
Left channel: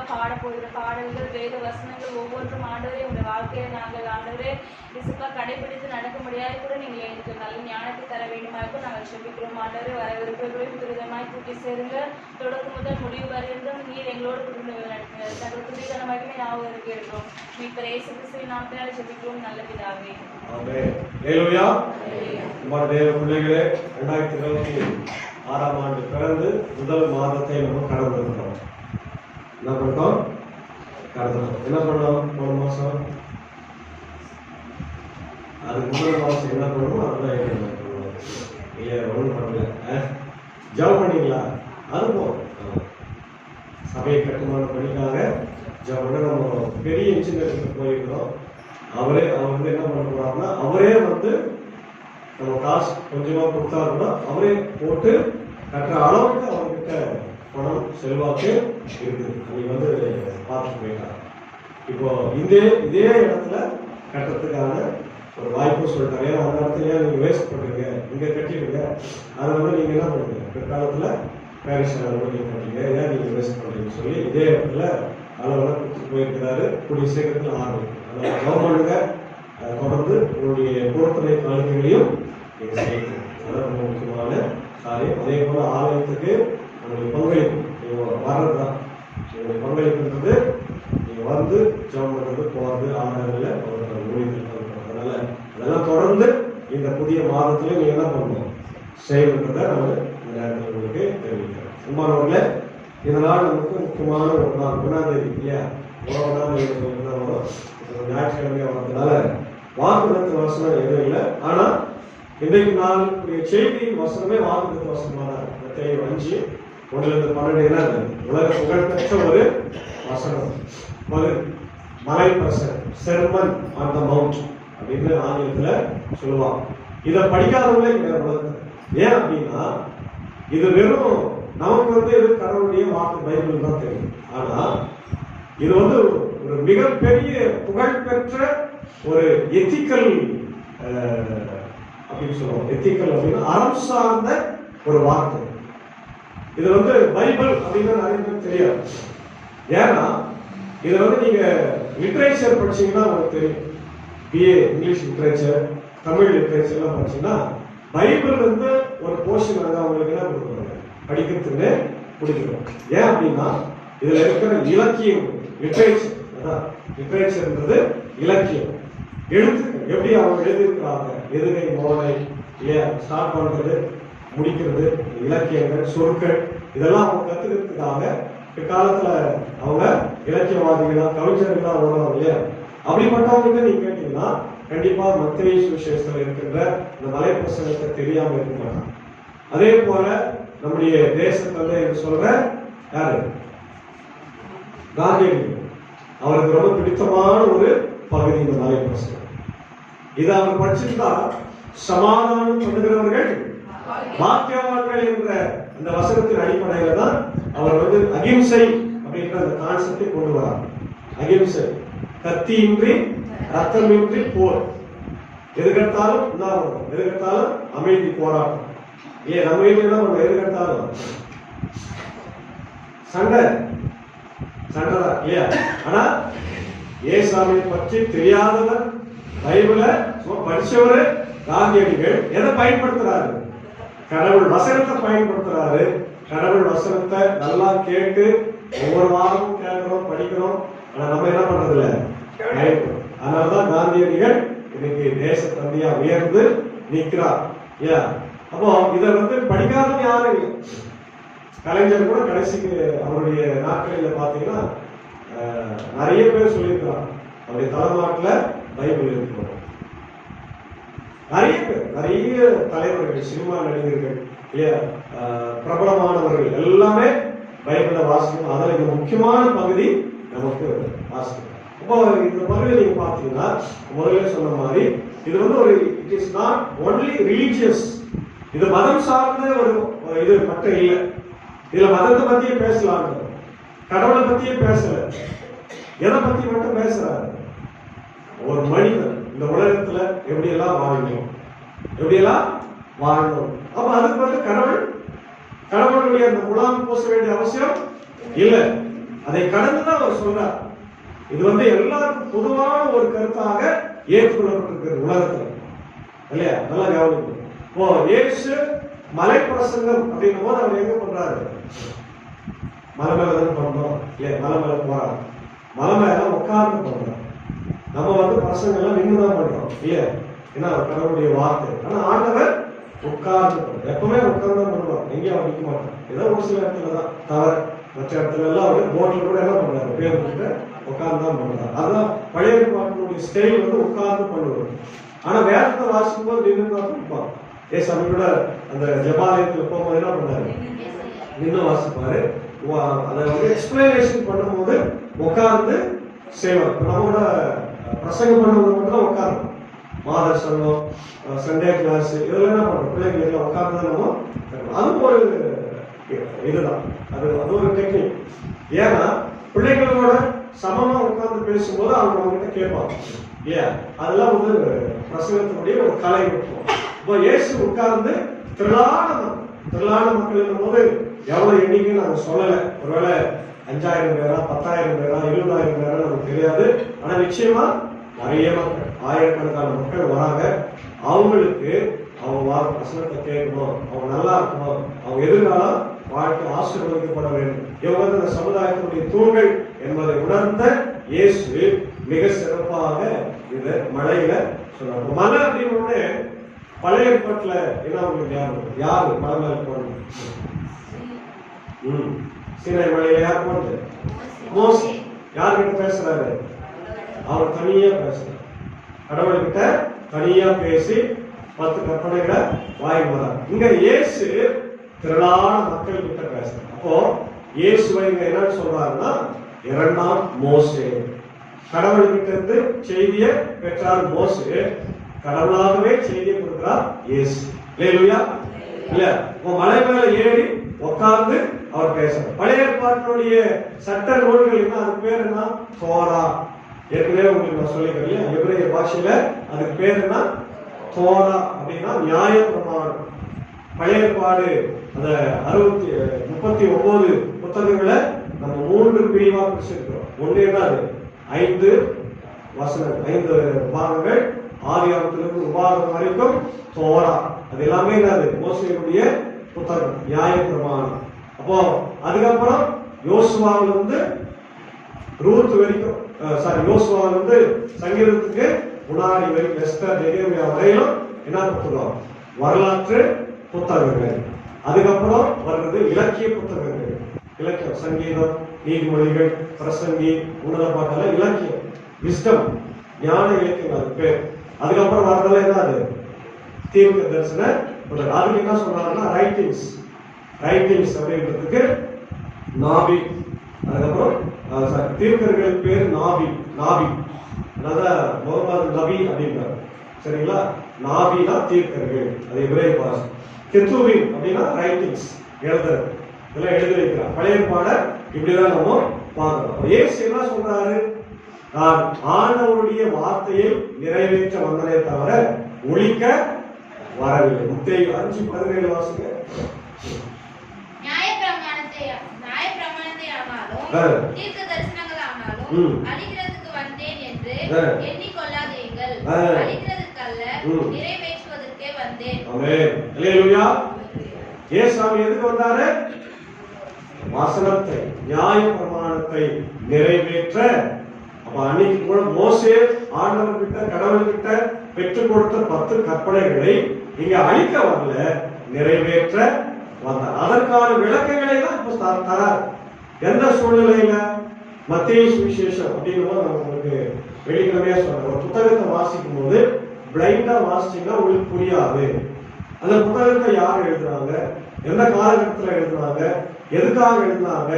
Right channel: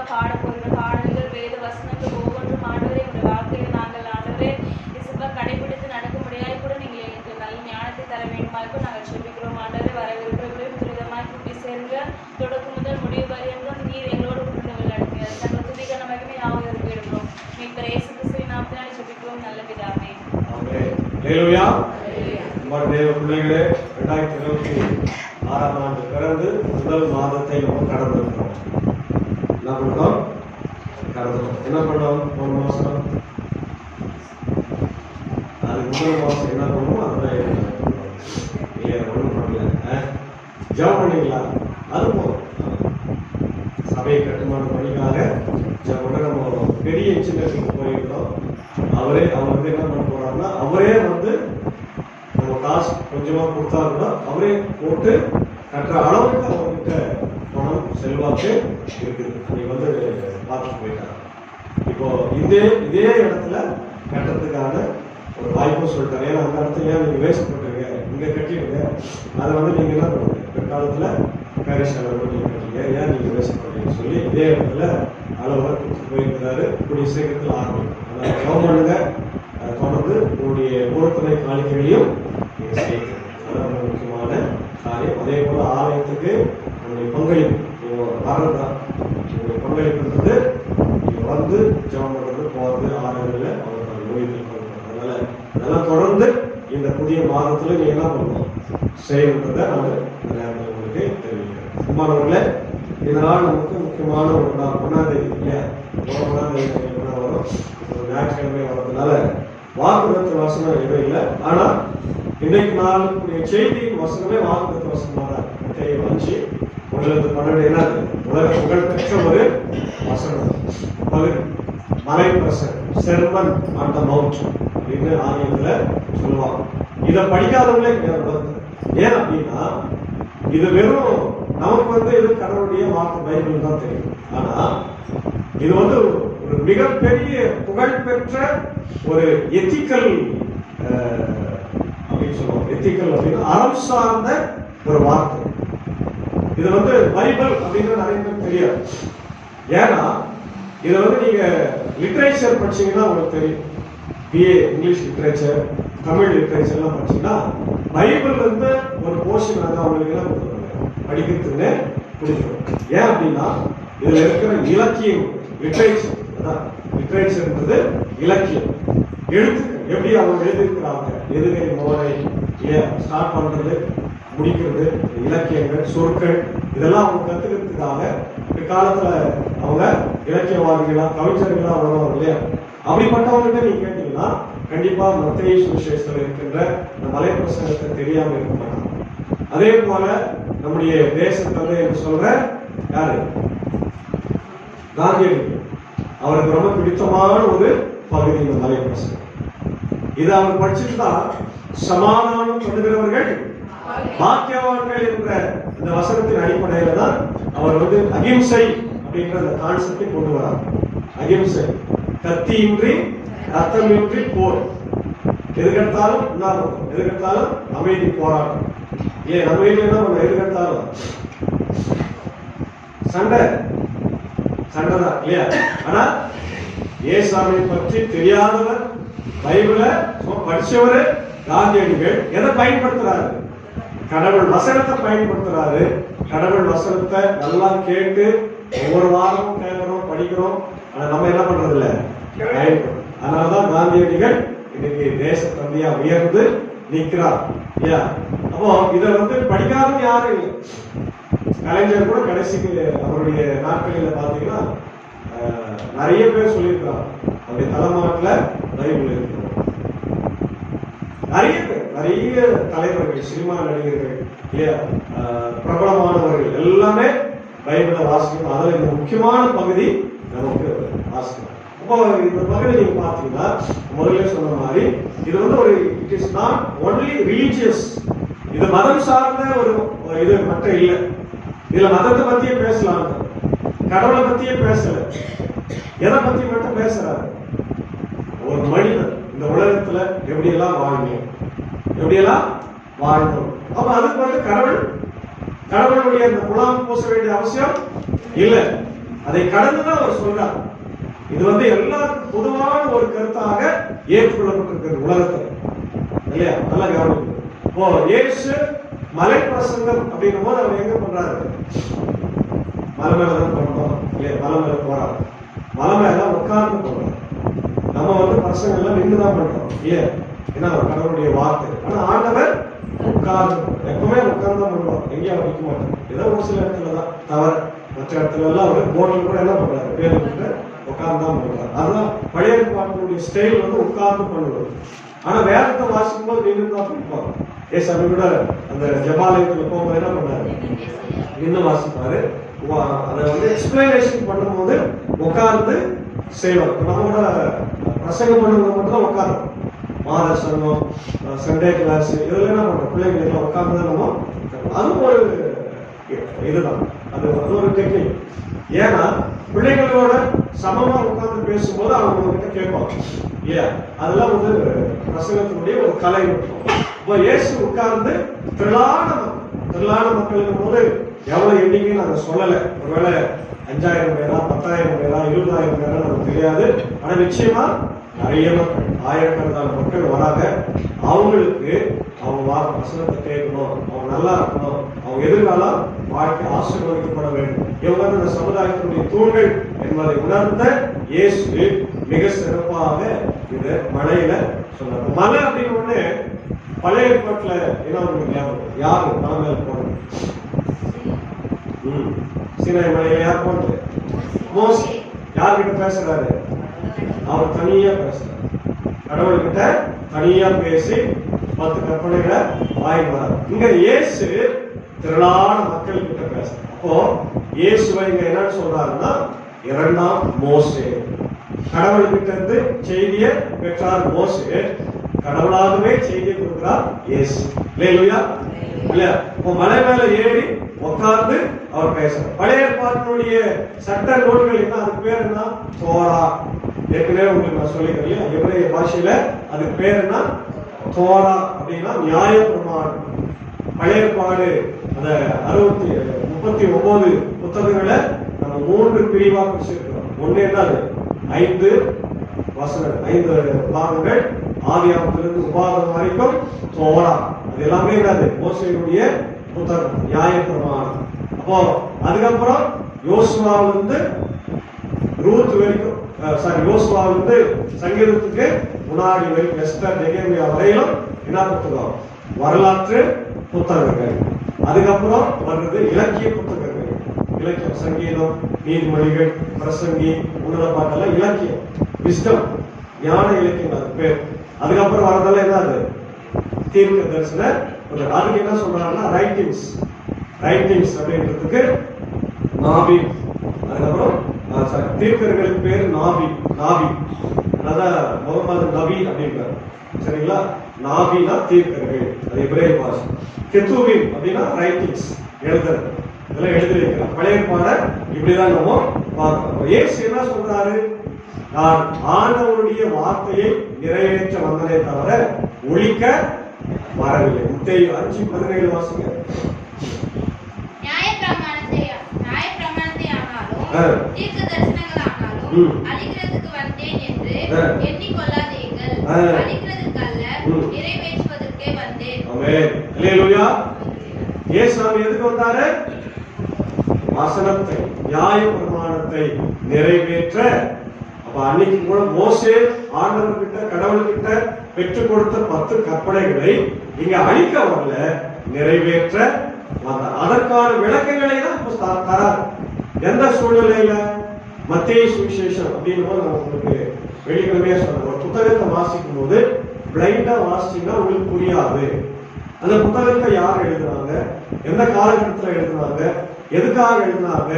பாடப்போகிற பாடல்கள் வேத வசனங்கள் ஒவ்வொன்றும் ஆண்டவரே உங்கள் வாழ்க்கையில நாங்கள் ஆண்டவரே இசப்பா கடைபிடித்து நடக்க முடியாது கூட நீங்கள் எங்களுக்கு நல்ல ஞானத்தை தர வேண்டுமாக்கும் நாங்கள் செபிக்கிறோம் ஆண்டவரே. வரவிருக்கிறவரை விதவிதமாய் கூட்டி சேருங்க. தொடக்கம் முதல் முடிவு வரையும் நீர் எங்களோடு உடனே நடத்துங்க. தங்கள் துதிக்கான மகிமை நாவதற்கு எடுக்கிறோம். மீட்பர் இயேசு கிறிஸ்துவின் நாமத்தினாலே செபிக்கிறோம் நல்ல பிதாவே. ஆமென். ஹல்லேலூயா. நம்முடைய தேவ பிள்ளைகளே 2026 ஆண்டு பிறந்து முதல் மாதத்தை நம்ம கடந்திருக்கிறோம். என்ன பண்ணோம்? கடந்தோம். என்ன பண்ணோம்? போன மாசம் அது முதல் மாசம் என்ன பண்ணுவோம்? அதெல்லாம் இல்லையா? ஒன்றும் பண்ணல. ஜெபம் பண்ணீங்களா? அது போதும். சபையை கட்டுமான பணிக்காக உடனே நம்ம பெரிய இன்ஜினியருக்கு போயிருந்தோம். அவர் வந்து என்ன பண்ண போறாருன்னா, அவரே வந்து நம்ம காசு கொஞ்சமா கொடுத்தா கூட அவரே போட்டு கட்டுற அளவுக்கு அவர்கிட்ட பணம் செல்வாக்கு இருக்குது. நீங்க வந்து பார்த்துட்டு போயிட்டாங்க. இப்போ இதே இடத்துல கட்டுறதுக்கான ஒரு வாய்ப்பும் சொல்லிட்டாங்க. ஏன்னா அந்த இடத்துல நீங்க வேஸ்ட் பண்றீங்க, இங்க கட்டிடுங்க. அதை வந்து நீங்க என்ன பண்ணுங்க, பிற்காலத்துல பாரிஸ் அளவு நீங்க கட்டுறீங்க, ஏன் நீங்க வேஸ்ட் பண்றீங்கன்னு சொல்லி இதே இடத்துல அளவுல கொடுத்து போயிருக்கிறாரு. கூடிய சீக்கிரத்தில் ஆரம்பிக்கும். அதனால கவர்மெண்ட்டுங்க தொடர்ந்து உங்களுடைய பொறுப்புரை காணிக்கைகளையும் நீங்க செய்யணும். அதான் ரொம்ப முக்கியமான காரியம். அதே போல ஆலயத்துக்கு உங்களுடைய பங்களிப்பு வர்றதுதான். உங்களுடைய பங்களிப்புன்றது நீங்க வந்து ஜெபம் பண்றது, போறது, ஆலயங்கள்ல அவர்கள் ஊழியர்கள் பண்றது. அதனால அதெல்லாம் தொடர்ந்து இந்த புதிய மாதத்துல நீங்க என்ன பண்ணணும் செய்யணுன்றதை நான் இந்த நேரத்தில் உங்களுக்கு தெரிவிக்கிறேன். குமாரவர்களே, இதனால் நமக்கு முக்கியமான ஒரு நாள் 1ஆம் தேதி இல்லையா? 1ஆம் தேதி என்ன வரும்? ஞாயிற்றுக்கிழமை வர்றதுனால வாக்குறுதி வசனம் எதுவும் இல்லை. ஆனா இன்றைக்கு நாள் செய்தியின் வசனமே வாக்குறுதி வசனமாக மத்தேயு 5:1-12 என்னது? உலக புகழ்பெற்ற ஒரு வசனம். மலை பிரசங்கம், செர்மன் ஆன் தி மவுண்ட் அப்படின்னு ஆங்கிலத்துல சொல்லுவாங்க. இதை படிக்காதவங்களே கிடையாது. ஏன் அப்படின்னா இது வெறும் நமக்கு வந்து இது கடவுளுடைய வார்த்தை பைபிள் தான் தெரியும். ஆனா இது வந்து ஒரு மிகப்பெரிய புகழ்பெற்ற ஒரு எத்திக்கல் அப்படின்னு சொல்லுவாங்க. எத்திக்கல் அப்படின்னா அறம் சார்ந்த ஒரு வார்த்தை. இது வந்து பைபிள் அப்படின்னு நிறைய பேருக்கு தெரியாது. ஏன்னா இதை வந்து நீங்க லிட்ரேச்சர் படிச்சீங்கன்னா உங்களுக்கு தெரியும். BA English literature, Tamil literature எல்லாம் படிச்சீங்கன்னா பைபிள் வந்து ஒரு போர்ஷன் வந்து அவங்களுக்கு எல்லாம் கொடுக்குறாங்க, படிக்கிறதுன்னு கொடுக்குறோம். ஏன் அப்படின்னா இதுல இருக்கிற இலக்கியம், லிட்ரேச்சர், அதான் லிட்ரேச்சர்ன்றது இலக்கியம், எழுத்துக்கள் எப்படி அவங்க எழுதியிருக்கிறாங்க, எதுகை மோனை ஸ்டார்ட் பண்றது, முடிக்கிறது, இலக்கியங்கள், சொற்கள், இதெல்லாம் அவங்க கத்துக்கிறதுக்காக பிற்காலத்துல அவங்க இலக்கியவாதிகளா கவிஞர்களா வருவாங்க இல்லையா? அப்படிப்பட்டவங்க நீங்க கேட்டீங்கன்னா கண்டிப்பா மத்தேயு சுவிசேஷத்துல இருக்கின்ற இந்த மலை பிரசங்கத்தை தெரியாம இருக்க மாட்டாங்க. அதே போல நம்முடைய தேச தந்தை என்று சொல்ற யாரு? காந்தியடிகள். அவருக்கு ரொம்ப பிடித்தமான ஒரு பகுதி இந்த மலை பிரசங்கம். இதை அவர் படிச்சுட்டா சமாதானம் பண்ணுகிறவர்கள் பாக்கியவான்கள் என்ற அந்த வசனத்தின் அடிப்படையில தான் அவர் வந்து அகிம்சை அப்படின்ற அந்த கான்செப்டை கொண்டு வரார். அகிம்சை, கத்தியின்றி ரத்தமின்றி போர், எதுக்கெடுத்தாலும் எதுக்கெடுத்தாலும் அமைதி போராட்டம். ஏன் நம்ம வீட்டுல நம்ம எதுக்கெடுத்தாலும் சண்டைதான் இல்லையா? ஆனா ஏசாமியை பற்றி தெரியாதவர், பைபிள படிச்சவரு காந்தியடிகள் எதை பயன்படுத்துறாரு? கடவுள் வசனத்தை பயன்படுத்துறாரு. கடவுள் வசனத்தை நல்லா கேட்டு ஒவ்வொரு வாரமும் கேட்கிறோம், படிக்கிறோம். ஆனா நம்ம என்ன பண்றது இல்ல, அதனாலதான் காந்தியடிகள் இன்னைக்கு தேச தந்தையா உயர்ந்து நிற்கிறார் இல்லையா? அப்போ இதை வந்து படிக்காதவங்க யாரும் இல்லை. கலைஞர் கூட கடைசிக்கு அவருடைய நாட்களில் பாத்தீங்கன்னா நிறைய பேர் சொல்லியிருக்கிறார் அவருடைய தலைமாட்டில் பைபிள் இருக்கிறோம். நிறைய தலைவர்கள், சினிமா நடிகர்கள் இல்லையா, பிரபலமானவர்கள் எல்லாமே பைபிளை வாசிக்கணும். அதில் இந்த முக்கியமான பகுதி நமக்கு வாசிக்கணும். இப்போ இந்த பகுதி நீங்க பாத்தீங்கன்னா முதல்ல சொன்ன மாதிரி இது வந்து ஒரு it is not only religious, இது மதம் சார்ந்த ஒரு இது மட்டும் இல்லை. இதுல மதத்தை பத்தியே பேசலாம், கடவுளை பத்தியே பேசல, எதை பத்தி மட்டும் பேசுறாரு? ஒரு மனிதன் இந்த உலகத்துல எப்படியெல்லாம் வாழணும், எப்படியெல்லாம் வாழணும். அப்ப அதுக்கு வந்து கடவுளுடைய அந்த குலாம் பூச வேண்டிய அவசியம் இல்லை. அதை கடந்துதான் அவர் சொல்றார். இது எல்லாருக்கும் பொதுவான ஒரு கருத்தாக ஏற்றுக்கொள்ளப்பட்டிருக்கிறது உலகத்துல, இல்லையா? நல்லா கவனிக்கணும். இப்போ இயேசு மலை பிரசங்கம் அப்படிங்கும் போது அவர் எங்க பண்றாரு? மலை மேல தான் பண்றோம் இல்லையா? மலை மேல போறாரு, மலை மேல உட்கார்ந்து பண்றாரு. நம்ம பிரசங்கம் எல்லாம் நின்றுதான் பண்றோம் இல்லையா? ஏன்னா கடவுளுடைய வார்த்தை. ஆனா ஆண்டவர் உட்கார்ந்து, எப்பவுமே உட்கார்ந்து தான் பண்ணுவார், எங்கேயும் அவர் நிற்க மாட்டார். ஏதோ ஒரு சில இடத்துல தான் தவிர, மற்ற இடத்துல எல்லாம் அவர் போட்டில் கூட என்ன பண்றாரு? பேர் உட்கார்ந்து தான் பண்றாரு. அதுதான் பழைய பாட்டினுடைய ஸ்டைல் உட்கார்ந்து பண்ணுவது. ஆனா வேதத்தை வாசிக்கும் போது நின்று தான் படிப்பாங்க. ஏசாமி கூட அந்த ஜபாலயத்துல போகும்போது என்ன பண்ணாரு? நின்று வாசிப்பாரு. அதை எக்ஸ்பிளனேஷன் பண்ணும்போது உட்கார்ந்து செய்வார். நம்மளோட பிரசங்கம் பண்ணும்போது மட்டும் உட்கார்ந்து, மாத சங்கம், சண்டே கிளாஸ், இதெல்லாம் என்ன பண்றோம்? பிள்ளைங்களுக்கு உட்கார்ந்து தான் நம்ம, அது ஒரு இதுதான், அது ஒரு டெக்னிக். ஏன்னா பிள்ளைகளோட சமமா உட்கார்ந்து பேசும்போது அவங்க கிட்ட கேட்பாங்க இல்லையா? அதெல்லாம் பிரசங்கத்தினுடைய ஒரு கலை நுட்பம். இப்போ இயேசு உட்கார்ந்து திரளான மக்கள் போது எவ்வளவு எண்ணிக்கை நாங்க சொல்லல. ஒருவேளை 5000 பேரா, 10,000 பேரா, 20,000 பேரா நமக்கு தெரியாது. ஆனா நிச்சயமா நிறைய மக்கள், ஆயிரக்கணக்கான மக்கள் வராங்க. அவங்களுக்கு அவங்க வசனத்தை கேட்கணும், அவங்க நல்லா இருக்கணும், அவங்க எதிர்காலம் வாழ்க்கை ஆசீர்வதிக்கப்பட வேண்டும். இவங்க இந்த சமுதாயத்தினுடைய தூண்கள் என்பதை உணர்ந்த இயேசு மிக சிறப்பாக இந்த மலையில சொன்னார். மலை அப்படின்னு பழைய ஏற்பாட்டுல என்ன உங்களுக்கு ஞாபகம்? யாரு மலை மேல போனது? சீனாய் மலையில யார் போனது? மோசே. யார்கிட்ட பேசுறாரு? அவர் தனியா பேசுறாரு, கடவுள்கிட்ட தனியா பேசி 10 கற்பனைகளை வாங்கினார். இங்க இயேசு திரளான மக்கள் கிட்ட பேசுறாரு. அப்போ இயேசுவை இங்க என்னன்னு சொல்றாருன்னா, 2ஆம் மோசே. கடவுள்கிட்ட இருந்து செய்தியை பெற்றார் மோசே, கடவுளாகவே செய்தியை கொடுக்கிறார் இயேசு. இல்லையா? இல்ல, இப்போ மலை மேல ஏறி உட்கார்ந்து அவர் பேசுறார். பழைய ஏற்பாட்டினுடைய சட்ட நூல்கள் என்ன, அதுக்கு பேர் என்ன? தோரா. ஏற்கனவே உங்களுக்கு நான் சொல்லிக்கிறேன் இல்லையா? எபிரேய பாஷையில அதுக்கு பேர் என்ன? தோரா அப்படின்னா நியாய பிரமாணம். பழைய ஏற்பாடு அந்த 39 புத்தகங்களை நம்ம 3 பிரிவா பிரிச்சிருக்கிறோம். ஒண்ணு என்னது? 5 பாகங்கள், ஆதியாகமத்திலிருந்து உபாகமம் வரைக்கும் தோரா. அது எல்லாமே என்னது? மோசேயுடைய புத்தகம், நியாய பிரமாணம். அப்போ அதுக்கப்புறம் யோசுவாவிலிருந்து ரூத் வரைக்கும், யோசுவாவிலிருந்து சங்கீதத்துக்கு முன்னாடி வரைக்கும், எஸ்தர், நெகேமியா வரையிலும் என்ன புத்தகம்? வரலாற்று புத்தகங்கள். அதுக்கப்புறம் வர்றது இலக்கிய புத்தகங்கள், இலக்கியம், சங்கீதம், நீதிமொழிகள், பிரசங்கி, உன்னத பாட்டெல்லாம் இலக்கியம், விஸ்டம், ஞான இலக்கியம் அது பேர். அதுக்கப்புறம் வரதெல்லாம் என்னது? தீர்க்க தரிசன. அதுக்கு என்ன சொன்னாங்கன்னா ரைட்டிங்ஸ் அப்படின்றதுக்கு நாபி. அதுக்கப்புறம் தீர்க்கர்களுக்கு பேர் நாபி. அதான் முகமது நபி அப்படிங்கிறார். சரிங்களா? நாபினா தீர்க்கர்கள், அது எபிரேய பாஷை. கெத்துவின் அப்படின்னா ரைட்டிங்ஸ், எழுதுறது, இதெல்லாம் எழுதி வைக்கிறார். பழைய பாட இப்படிதான் நம்ம பார்க்கிறோம். இயேசு என்ன சொல்றாரு? நான் ஆண்டவருடைய வார்த்தையை நிறைவேற்ற வந்தனே தவிர ஒழிக்க வரவில்லை. மத்தேயு 5:17 வாசிங்க. நியாயப்பிரமாணத்தை ஆனாலும் தீர்க்க தரிசனங்கள் ஆனாலும் அழிக்கிறதுக்கு வந்தேன் என்று எண்ணிக்கொள்ளாதீர்கள். அழிக்கிறதுக்கல்ல, நிறைவேற்றுவதற்கே வந்தேன். ஆமென். அல்லேலூயா. இயேசுவாமி எதுக்கு வந்தாரு? வசனத்தை, நியாய பிரமாணத்தை நிறைவேற்ற. அப்ப அன்னைக்கு கூட மோசே ஆண்டவர்கிட்ட, கடவுள்கிட்ட பெற்றுக் கொடுத்த 10 கற்பனைகளை இங்க அழிக்க வரல, நிறைவேற்ற வந்தார். அதற்கான விளக்கங்களை தான் இப்ப தரார். எந்த சூழ்நிலையில? மத்தேயு சுவிசேஷம் அப்படின்னு நம்ம உங்களுக்கு வெளிக்கிழமையா சொல்றோம். ஒரு புத்தகத்தை வாசிக்கும் போது பிளைண்டா வாசிச்சீங்கன்னா உங்களுக்கு புரியாது. அந்த புத்தகத்தை யார் எழுதுறாங்க, எந்த காலகட்டத்தில் எழுதுனாங்க, எதுக்காக எழுதினாங்க,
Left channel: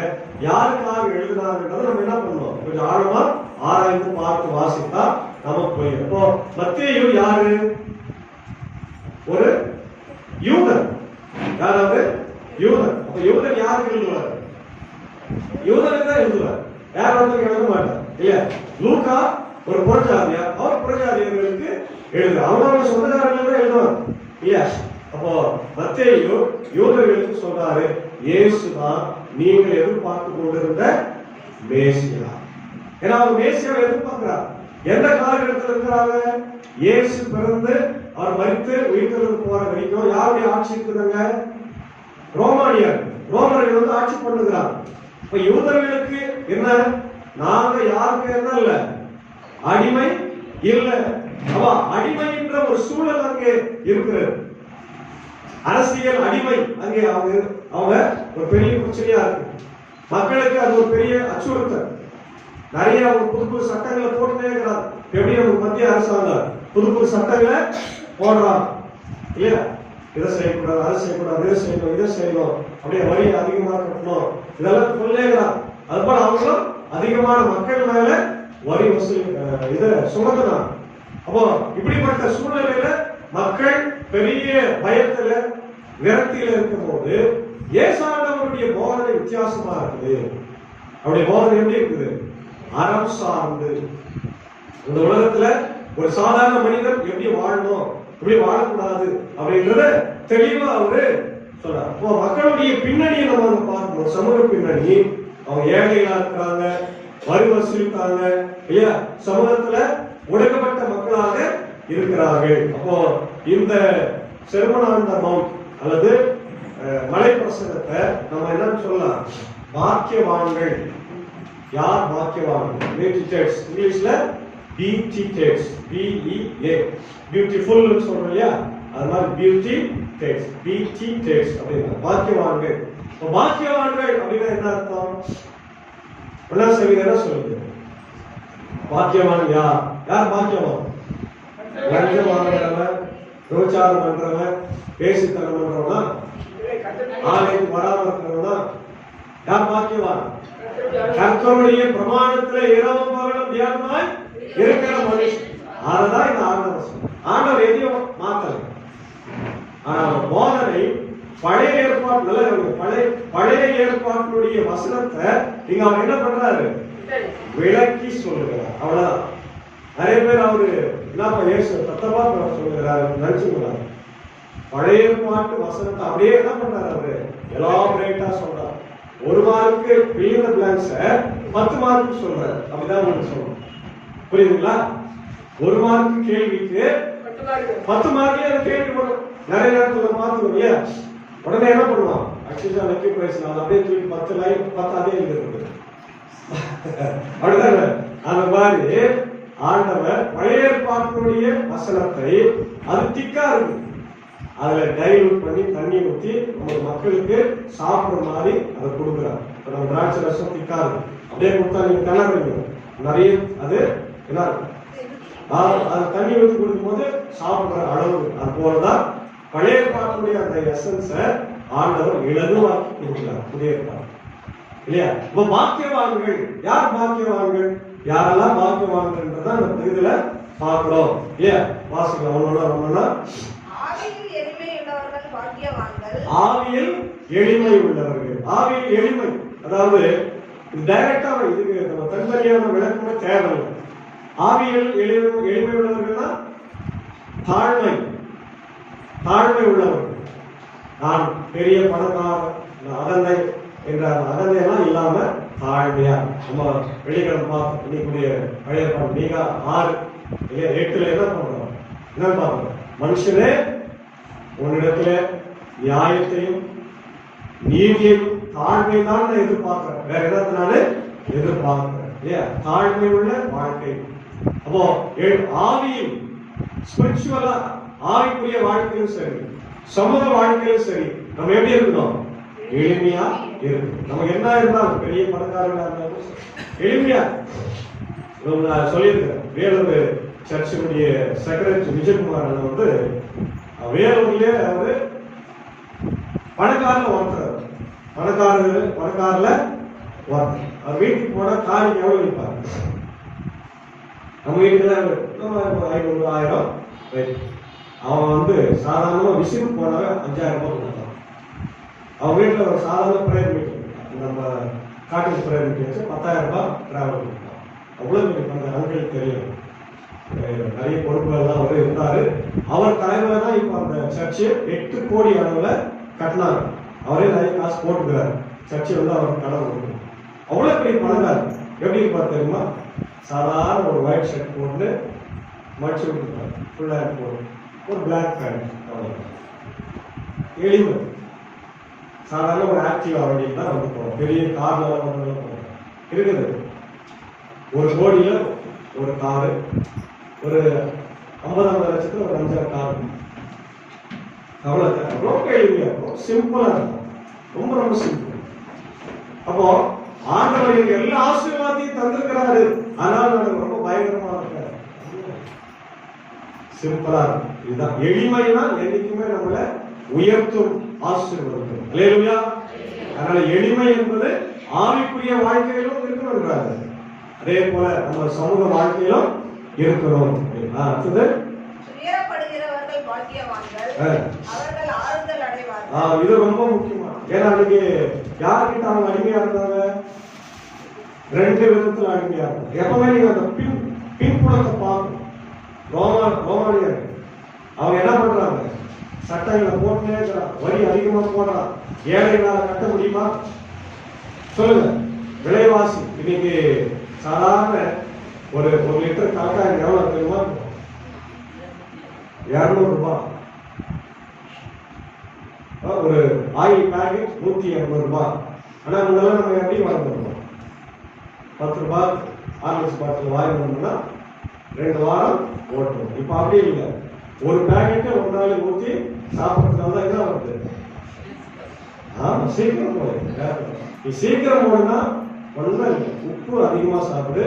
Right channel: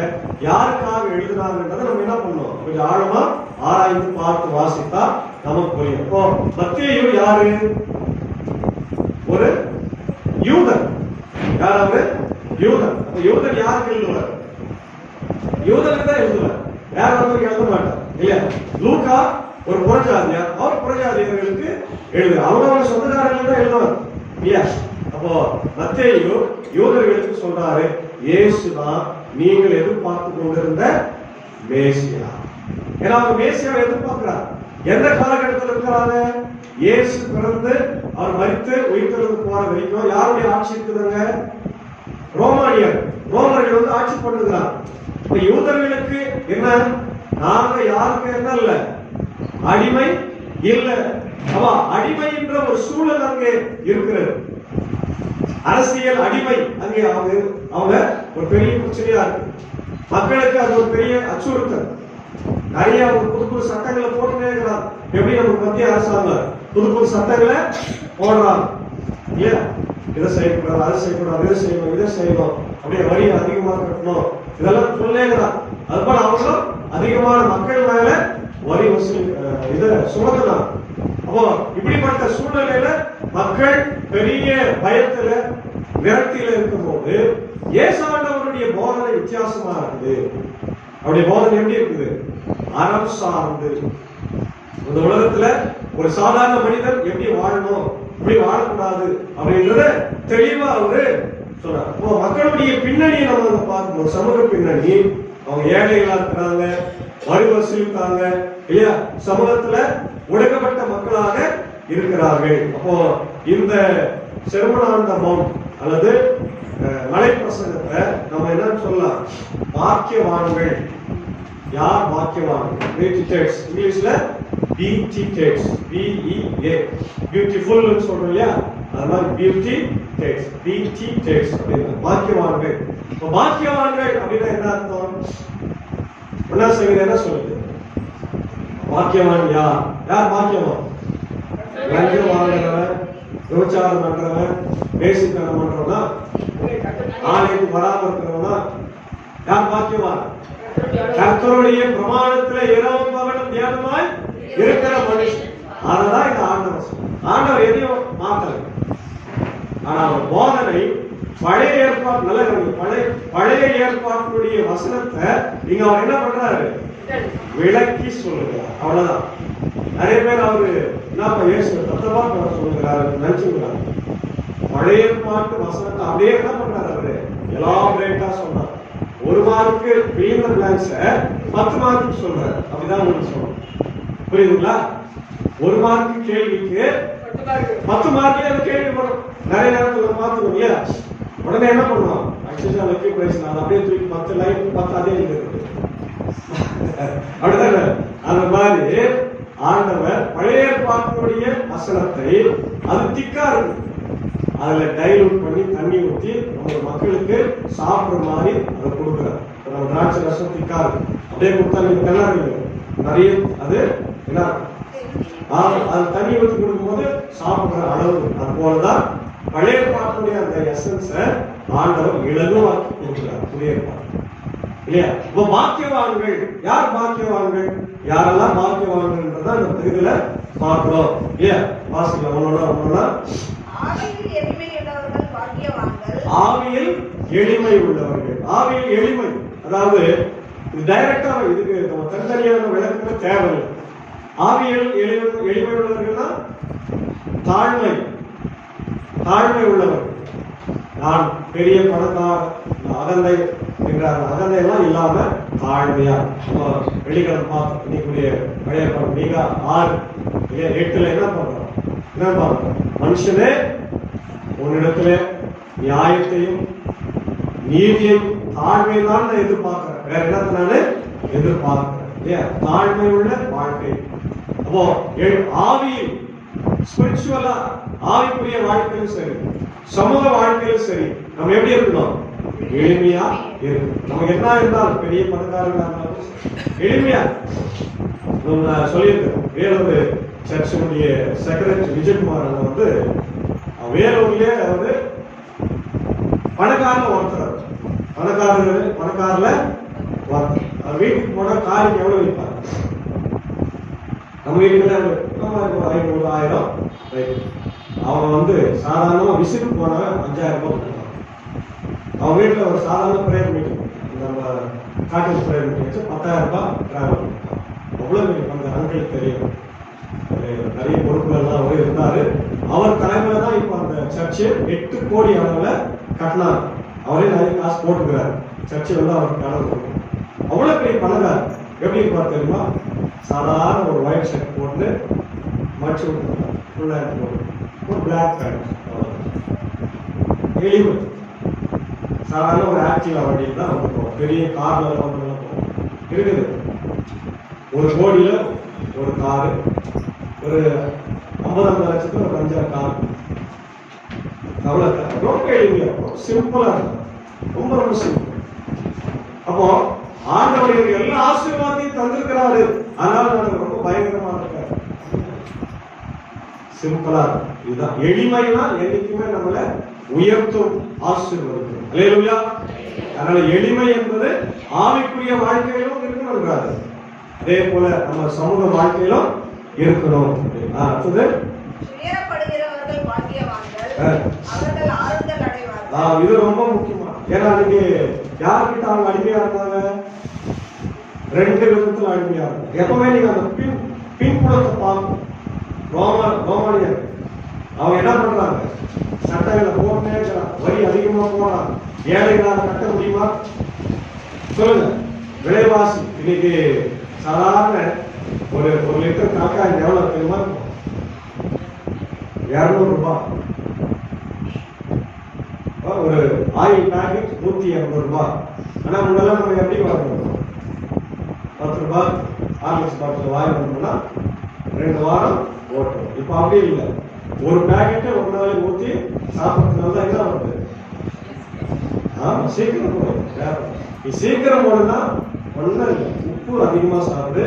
யாருக்காக எழுதினாங்கன்றதை நம்ம என்ன பண்ணுவோம்? கொஞ்சம் ஆழமா ஆராய்ந்து பார்த்து வாசித்தா நமக்கு புரியும். இப்போ மத்தேயு யாரு? ஒரு யூதன். யாராவது? யூதன். அப்ப யூதன் யாருக்கு எழுதுவார்? யூதனுக்கு தான் எழுதுவார், வேற ஒருத்தருக்கு எழுத மாட்டார் இல்லையா? லூக்கா ஒரு புறஜாதியார், அவர் புறஜாதியர்களுக்கு எழுதுவார். அவங்க சொந்தக்காரர்கள் தான் எழுதுவார் இல்லையா? அப்போ மத்தேயு யூதர்களுக்கு சொல்றாரு, இயேசுதான் நீங்கள் எதிர்பார்த்து கொண்டிருந்த மேசியா. ஏன்னா அவர் மேசியாவை எதிர்பார்க்கிறார். எந்த காலகட்டத்தில் இருக்கிறாங்க? இயேசு பிறந்து அவர் மரித்து உயிர்த்தெழுந்து போற வரைக்கும் யாருடைய ஆட்சி இருக்குதுங்க? ரோமர்கள் வந்து ஆட்சி பண்ணுகிறார். இப்ப யூதர்களுக்கு என்ன? நாங்க யாருக்கு என்ன இல்ல, அடிமை இல்ல. அடிமை என்ற ஒரு சூழல் அங்கே இருக்கிறது. அரசியல் அடிமை அங்கே அவங்க ஒரு பெரிய பிரச்சனையா இருக்கு. மக்களுக்கு அது ஒரு பெரிய அச்சுறுத்தல். நிறைய அவங்க புது புது சட்டங்களை போட்டுட்டே இருக்கிறாங்க. எப்படி நமக்கு மத்திய அரசாங்கம் புது புது சட்டங்களை போடுறாங்க இல்லையா? இதை செய்யக்கூடாது, அதை செய்யக்கூடாது, இதை செய்யணும், இதை செய்யணும், அப்படியே வரி அதிகமாக கட்டணும், இதெல்லாம் சொல்லேங்கிறாங்க. அது போல அவங்களும் அதிகமான மக்கள் மேல வரி வசூல் இதை சுமத்துறாங்க. அப்போ இப்படிப்பட்ட சூழ்நிலையில மக்கள் பெரிய பயத்துல விரக்தியில இருக்கும் போது இயேசுவினுடைய போதனை வித்தியாசமா இருக்குது. அவருடைய போதனை எப்படி இருக்குது? அறம் சார்ந்து. இந்த உலகத்துல ஒரு சாதாரண மனிதன் எப்படி வாழணும், எப்படி வாழக்கூடாது அப்படின்றத தெளிவா அவரு சொல்றாரு. இப்போ மக்களுடைய பின்னணியை நம்ம வந்து பார்க்கணும். சமூக பின்னணி, அவங்க ஏழைகளா இருக்கிறாங்க, வரி வசூலிப்பாங்க இல்லையா, சமூகத்துல ஒடுக்கப்பட்ட மக்களாக இருக்கிறார்கள். அப்போ இந்த செர்மன் மவுண்ட் அல்லது மலை பிரசங்கத்தை நம்ம என்னன்னு சொல்லலாம்? பாக்கியவான்கள். யார் பாக்கியவான்கள்? பியூட்டிடேட்ஸ். இங்கிலீஷ்ல பியூட்டிடேட்ஸ், BEA, பியூட்டிஃபுல் சொல்றோம் இல்லையா, அது மாதிரி பியூட்டிடேட்ஸ், பியூட்டிடேட்ஸ் அப்படின்னா பாக்கியவான்கள். இப்போ பாக்கியவான்கள் அப்படின்னா என்ன அர்த்தம்? ஒன்னா சங்கீதம் என்ன சொல்லுது? பாக்கியவான் யார்? யார் பாக்கியவான்? லஞ்சம் வாங்குறவன், விபச்சாரம் பண்றவன், பேசித்தனம் பண்றவனா, ஆலயத்துக்கு வராம இருக்கிறவனா, யார் பாக்கியவான்? கர்த்தருடைய பிரமாணத்திலே இரவும் பகலும் தியானமாய் இருக்கிற மனுஷன். அததான் இந்த ஆண்டவர் எதையும் மாத்தல. ஆனா போதனை பழைய ஏற்பாடு நல்ல பழைய ஏற்பாட்டினுடைய வசனத்தை இங்க அவர் என்ன பண்றாரு? விளக்கி சொல்லுகிறார். அவ்வளவுதான். நிறைய பேர் அவரு என்னப்பா இயேசு தத்தமா சொல்லுகிறாரு நினைச்சுக்கிறாரு. பழைய ஏற்பாட்டு வசனத்தை அப்படியே என்ன பண்றாரு? அவரு எலாபரேட்டா சொல்றாரு. 1 mark filling the blanks 10 mark சொல்றாரு. அப்படிதான் உங்களுக்கு சொல்லணும். புரியுதுங்களா? 1 மார்க் கேள்விக்கு 10 மார்க்ல அந்த கேள்வி வரும். நிறைய நேரத்துல பாத்துக்கோங்க இல்லையா? உடனே என்ன பண்ணுவான்? அக்ஷயா வெற்றி பிரைஸ் நான் அப்படியே தூக்கி 10 லைன் 10 அதே எழுதுறது. அப்படிதானே? அந்த மாதிரி ஆண்டவர் பழைய ஏற்பாட்டினுடைய வசனத்தை அது திக்கா இருக்கு, அதுல டைலூட் பண்ணி தண்ணி ஊற்றி நம்ம மக்களுக்கு சாப்பிடுற மாதிரி அதை கொடுக்குறாரு. நம்ம திராட்சை ரசம் திக்கா இருக்கு, அப்படியே கொடுத்தா நீங்க திணறீங்க நிறைய. அது என்ன? அது தண்ணி ஊற்றி கொடுக்கும்போது சாப்பிடுற அளவு. அது போலதான் பழைய ஏற்பாட்டினுடைய அந்த எசன்ஸை ஆண்டவர் இலகுவாக்கி கொடுக்கிறார் புதிய ஏற்பாடு இல்லையா? இப்ப பாக்கியவான்கள் யார்? பாக்கியவான்கள் யாரெல்லாம் பாக்கியவான்கள்ன்றத அந்த பகுதியில பார்க்கிறோம் இல்லையா? வாசிக்கலாம் ஒன்னொன்னா. ஆவியில் எளிமை உள்ளவர்கள் பாக்கியவான்கள். ஆவியில் எளிமை உள்ளவர்கள். ஆவியில் எளிமை அதாவது டைரக்டா இதுக்கு நம்ம தனித்தனியான விளக்கமே தேவையில்லை. ஆவியில் எளிமை உள்ளவர்கள்னா தாழ்மை உள்ளவர்கள். நான் பெரிய பணக்காரன் அகந்தை என்றார். அகந்தையெல்லாம் இல்லாம தாழ்மையா. நம்ம வெளிக்கிழமை பார்த்து இன்னைக்குரிய பழைய பாடம் நீங்க 6 இல்லையா 8ல என்ன பண்றோம்? என்ன பார்க்கிறோம்? மனுஷனே உன்னிடத்துல நியாயத்தையும் நீதியையும் தாழ்மையை தான் நான் எதிர்பார்க்கிறேன். வேற என்னத்தை நான் எதிர்பார்க்கிறேன் இல்லையா? தாழ்மை உள்ள வாழ்க்கை. அப்போ ஆவியில் ஸ்பிரிச்சுவலா ஆவிக்குரிய வாழ்க்கையிலும் சரி, சமூக வாழ்க்கையிலும் சரி, நம்ம எப்படி இருக்கணும்? எளிமையா இருக்கணும். நமக்கு என்ன இருந்தாலும் பெரிய பணக்காரங்களா இருந்தாலும் எளிமையா. நான் சொல்லியிருக்கேன், வேலூர் சர்ச்சுடைய செக்ரட்டரி விஜயகுமார் வந்து வேலூர்லயே அவரு பணக்காரல ஒருத்தர். பணக்காரல ஒருத்தர். அவர் வீட்டுக்கு போனா காரிக்கு எவ்வளவு வைப்பாரு? நம்ம வீட்டுல 500 1000 அவங்க வந்து சாதாரணமா விசிட்டு போனாவே 5000 ரூபாய் கொடுத்தாங்க. அவங்க வீட்டுல ஒரு சாதாரண பிரேயர் மீட்டிங், நம்ம காட்டு பிரேயர் மீட்டிங் வச்சு 10000 ரூபாய் டிராவல் கொடுத்தாங்க. அவ்வளவு மீட்டிங் அந்த அங்களுக்கு தெரியும். நிறைய பொறுப்புகள்லாம் அவர் இருந்தாரு. அவர் தலைமையில தான் இப்ப அந்த சர்ச்சு 8 கோடி அளவுல கட்டினார். அவரே நிறைய காசு போட்டுக்கிறாரு. சர்ச்சை வந்து அவருக்கு கடன் கொடுக்கும். அவ்வளவு பெரிய பணக்காரர். எப்படி இருப்பார் தெரியுமா? சாதாரண ஒரு ஒயிட் ஷர்ட் போட்டு மடிச்சு விட்டுருக்காங்க, ஃபுல்லாக போட்டு ஒரு பிளாக் பேண்ட், எளிமை. சாதாரண ஒரு ஆக்டிவா வண்டியில் தான் வந்து போகிறோம், பெரிய கார்ல வந்து இருக்குது. ஒரு கோடியில ஒரு காரு, ஒரு 50 லட்சத்துல ஒரு 5 கார். அவ்வளவு ரொம்ப எளிமையா இருக்கும், சிம்பிளா இருக்கும், ரொம்ப ரொம்ப சிம்பிள். அப்போ ஆண்டவர் எனக்கு எல்லா ஆசீர்வாதத்தையும் தந்திருக்கிறாரு, அதனால எனக்கு ரொம்ப பயங்கரமா இருக்காரு. சிம்பிளா இருக்கும். இதுதான் எளிமை தான் என்னைக்குமே நம்மளை உயர்த்தும், ஆசீர்வதிக்கும். அல்லேலூயா. அதனால எளிமை என்பது ஆவிக்குரிய வாழ்க்கையிலும் இருக்கணும்ன்றாரு. அதே போல நம்ம சமூக வாழ்க்கையிலும் இருக்கணும். அடுத்தது துயரப்படுகிறவர்கள் பாக்கியவான்கள், அவர்கள் ஆறுதல் அடைவார்கள். இது ரொம்ப முக்கியமா. ஏன்னா அன்னைக்கு யார்கிட்ட அவங்க அடிமையா இருந்தாங்க? 2 விதத்துல அடிமையா இருந்தாங்க. எப்பவுமே நீங்க அந்த பின்புலத்தை பார்க்கணும். ரோமானியர் அவங்க என்ன பண்றாங்க? சட்டைகளை போட்டுனே இருக்கிறாங்க, வரி அதிகமா போடுறாங்க. ஏழைகளால் கட்ட முடியுமா? சொல்லுங்க. விலைவாசி இன்னைக்கு சாதாரண ஒரு லிட்டர் காக்காய் எவ்வளவு தெரியுமா? 200 ரூபாய். ஒரு ஆயில் பேக்கெட் 180 ரூபாய். ஆனா முன்னெல்லாம் நம்ம எப்படி வாங்கணும்? 10 ரூபாய் ஆர்லிக்ஸ் பாட்டில் வாங்கி வந்தோம்னா 2 வாரம் ஓட்டும். இப்ப அப்படி இல்லை. ஒரு பேக்கெட் ஒரு நாளைக்கு ஊற்றி சாப்பிட்றதுனால தான் என்ன வருது? சீக்கிரம் போடும். நீ சீக்கிரம் போடுனா ஒன்றும் இல்லை, உப்பு அதிகமா சாப்பிடு,